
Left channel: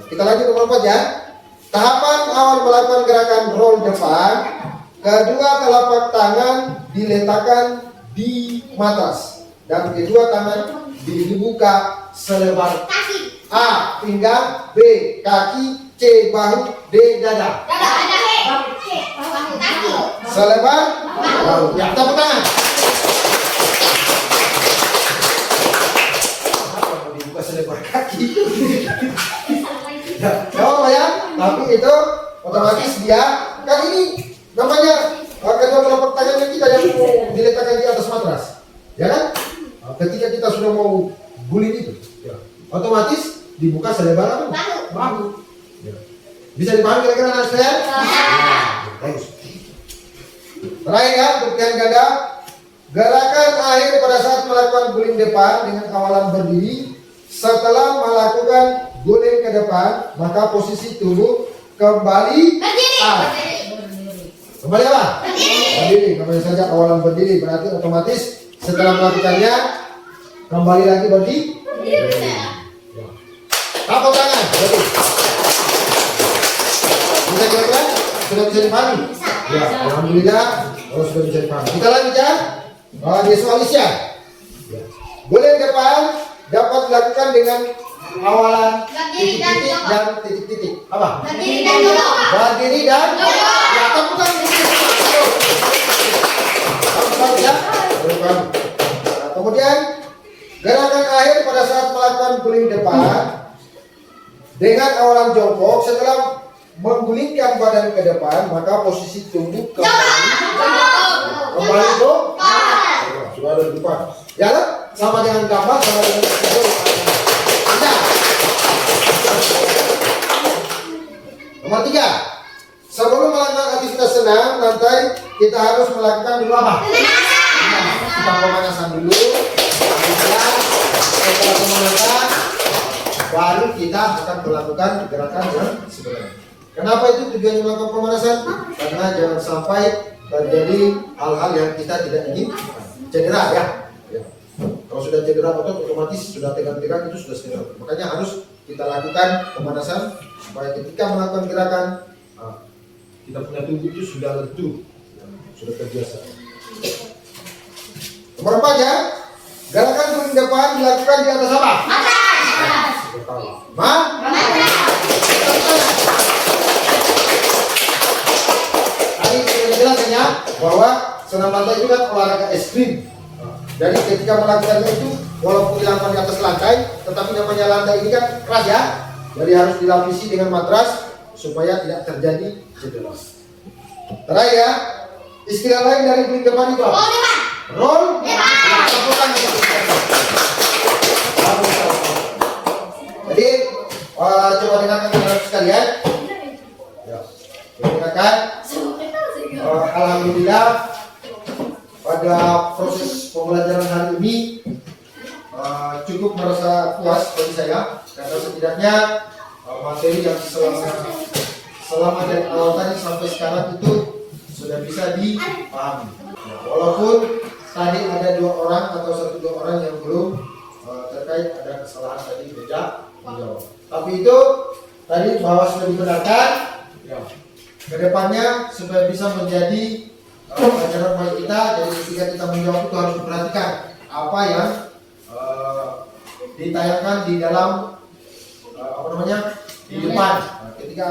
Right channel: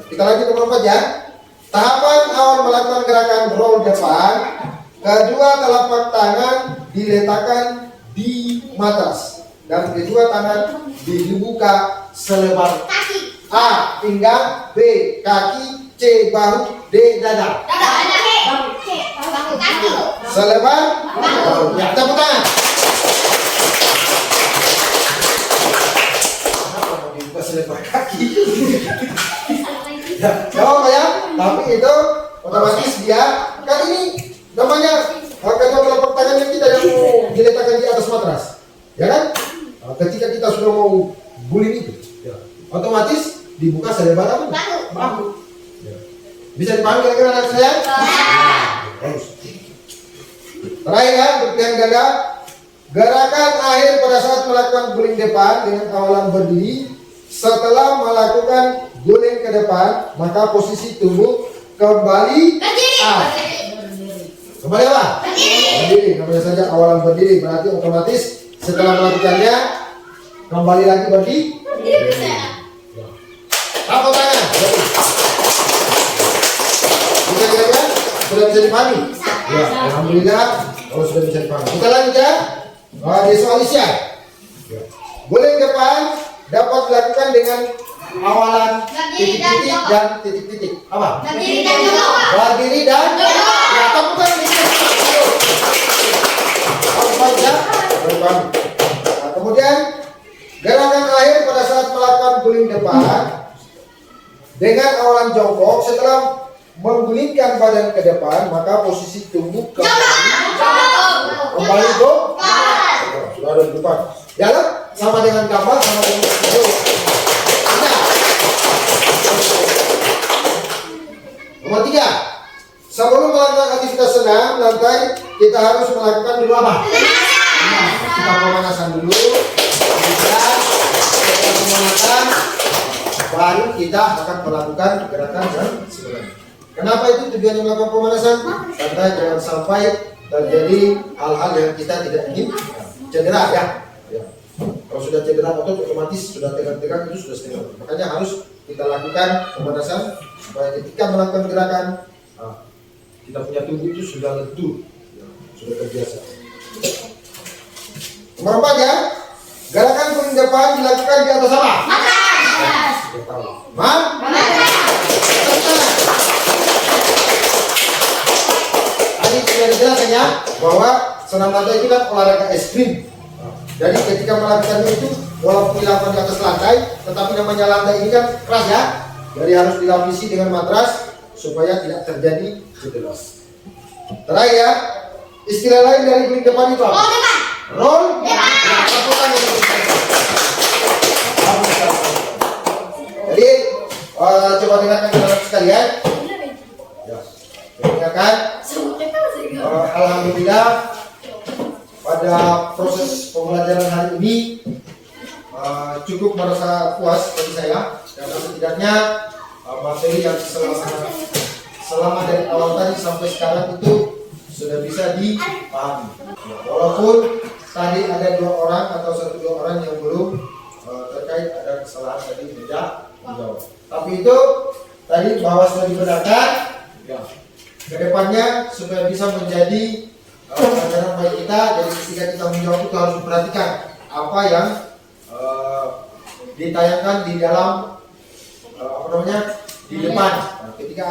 Kita lanjut nomor 4 ya. Tahapan awal melakukan gerakan roll depan, kedua telapak tangan diletakkan di matras dan kedua tangan dibuka selebar A. Pinggang. B. Kaki. C. Bahu. D. dada. Selebar bahu. Ya, tepuk tangan. Selebar kaki. Ya, jawab ya. Tapi itu otomatis dia kan ini namanya kedua telapak tangan kita yang mau diletakkan di atas matras, ya kan? Ketika kita sudah mau guling itu, ya, otomatis dibuka selebar bahu. Ya. Bisa dipahami kira-kira anak saya? Bagus. Terakhir ya, untuk pilihan ganda, gerakan akhir pada saat melakukan guling depan dengan awalan berdiri. Setelah melakukan guling ke depan, maka posisi tubuh kembali kembali apa? Berdiri. Namanya saja awalan berdiri, berarti otomatis setelah melakukannya kembali lagi berdiri. Tepuk tangan. Bisa kira-kira sudah bisa dipahami? Ya, alhamdulillah kalau sudah bisa dipahami. Kita lanjut ya. Visualisasi. Guling depan dapat dilakukan dengan awalan titik-titik dan titik-titik. Apa? Berdiri dan ya, temukan nah, kemudian gerakan akhir pada saat melakukan guling depan dengan awalan jongkok. Setelah menggulingkan badan ke depan, maka posisi tubuh kembali sudah ada di depan. Jalan sama dengan gambar, sama dengan nomor 3. Sebelum melakukan aktivitas senam, lantai selesai, kita harus melakukan dulu apa? Kita pemanasan dulu. Kita pemanasan, baru kita akan melakukan gerakan yang sebenarnya. Kenapa itu tujuan melakukan pemanasan? Karena jangan sampai terjadi hal-hal yang kita tidak ingin, cedera ya. Kalau sudah cedera otomatis sudah tegang-tegang itu sudah cedera. Makanya harus kita lakukan pemanasan supaya ketika melakukan gerakan kita punya tubuh itu sudah lentur, sudah terbiasa. Nomor 4 ya, gerakan paling depan dilakukan di atas apa? Atas. Ma? Tadi sudah dijelaskan ya bahwa senam lantai itu kan olahraga ekstrim. Jadi ketika melakukannya itu walaupun dilakukan di atas lantai, tetapi namanya lantai ini kan keras ya. Jadi harus dilapisi dengan matras supaya tidak terjadi cedera. Terakhir ya, istilah lain dari bring depan itu apa? Roll depan. Jadi coba dengarkan teman-teman sekalian. Ya, dengarkan. Alhamdulillah pada proses pembelajaran hari ini cukup merasa puas bagi saya karena setidaknya materi yang selama dari awal tadi sampai sekarang itu sudah bisa dipahami. Walaupun tadi ada 2 orang atau 1-2 orang yang belum terkait ada kesalahan tadi beda menjawab. Tapi itu tadi bahwa sudah dibenarkan. Ya. Kedepannya supaya bisa menjadi pelajaran bagi kita. Jadi ketika kita menjawab itu harus diperhatikan apa yang ditayangkan di dalam di depan. Ketika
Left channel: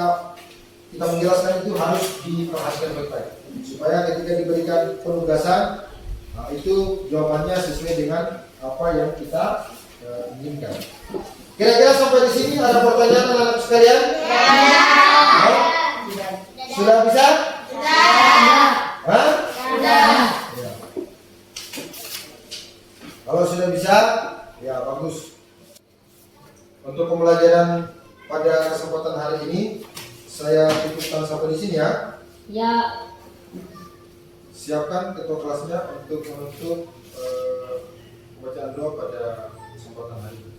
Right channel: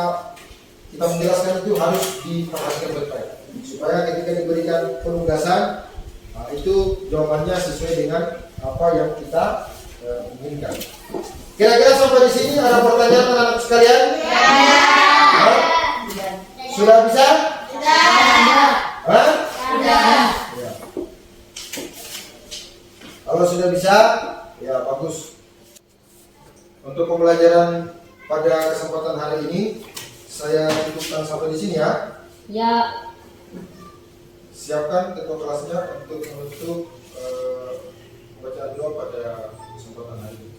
kita menjelaskan itu harus diperhatikan baik-baik supaya ketika diberikan penugasan itu jawabannya sesuai dengan apa yang kita inginkan. Kira-kira sampai di sini ada pertanyaan teman-teman sekalian? Sudah bisa? Hah? Ya. Kalau sudah bisa, ya bagus. Untuk pembelajaran pada kesempatan hari ini saya cukupkan sampai di sini ya. Ya. Siapkan ketua kelasnya untuk menutup pembacaan doa pada kesempatan hari ini.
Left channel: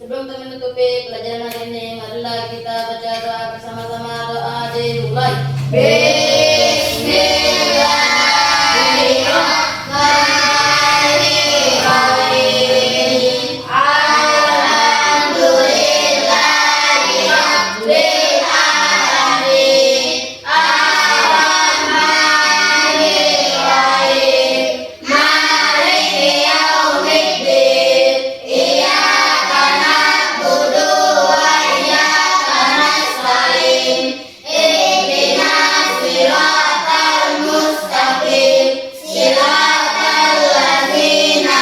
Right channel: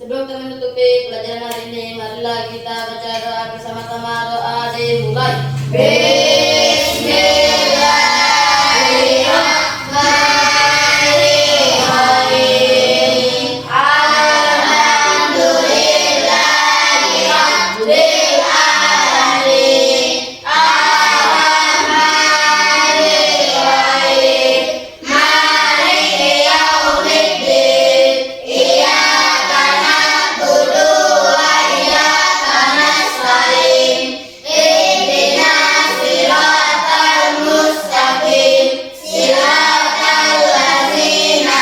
Sebelum kami menutupi pelajaran hari ini, marilah kita baca doa bersama-sama. Doa dimulai. Bismillahirrahmanirrahim. Alhamdulillahirabbil alamin. Arrahmanirrahim. Maliki yaumiddin. Iyyaka na'budu wa iyyaka nasta'in. Ihdinas siratal mustaqim. Siratal ladzina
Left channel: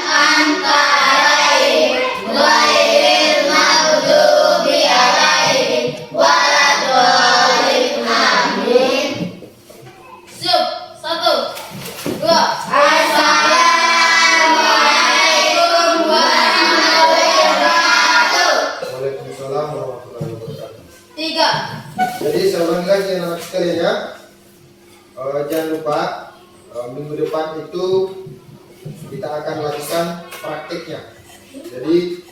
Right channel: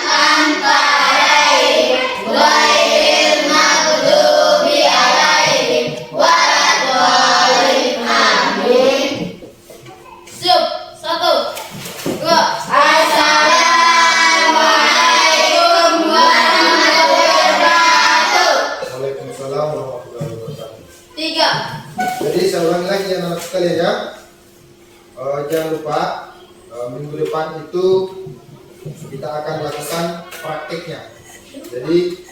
an'amta 'alaihim ghairil maghdubi 'alaihim waladdallin. Amin. Siap. 1, 2. Assalamualaikum warahmatullahi wabarakatuh. Waalaikumsalam warahmatullahi wabarakatuh. 3. Jadi saya ulangi lagi ya anak sekalian ya. Jangan lupa minggu depan itu kita akan lakukan praktiknya. Jadi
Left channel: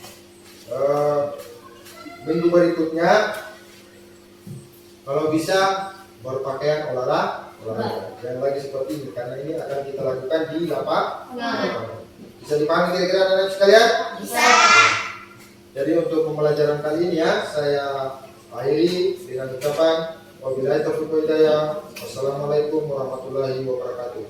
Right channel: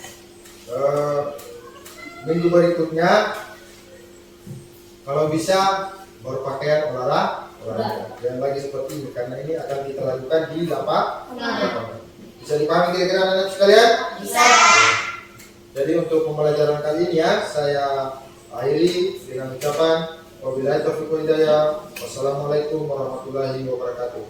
minggu berikutnya kalau bisa berpakaian olahraga dan lagi seperti ini karena ini akan kita lakukan di lapangan. Bisa dipahami kira-kira anak sekalian? Bisa. Jadi untuk pembelajaran kali ini ya saya akhiri dengan ucapan wabillahi taufiq wal hidayah. Wassalamualaikum warahmatullahi wabarakatuh.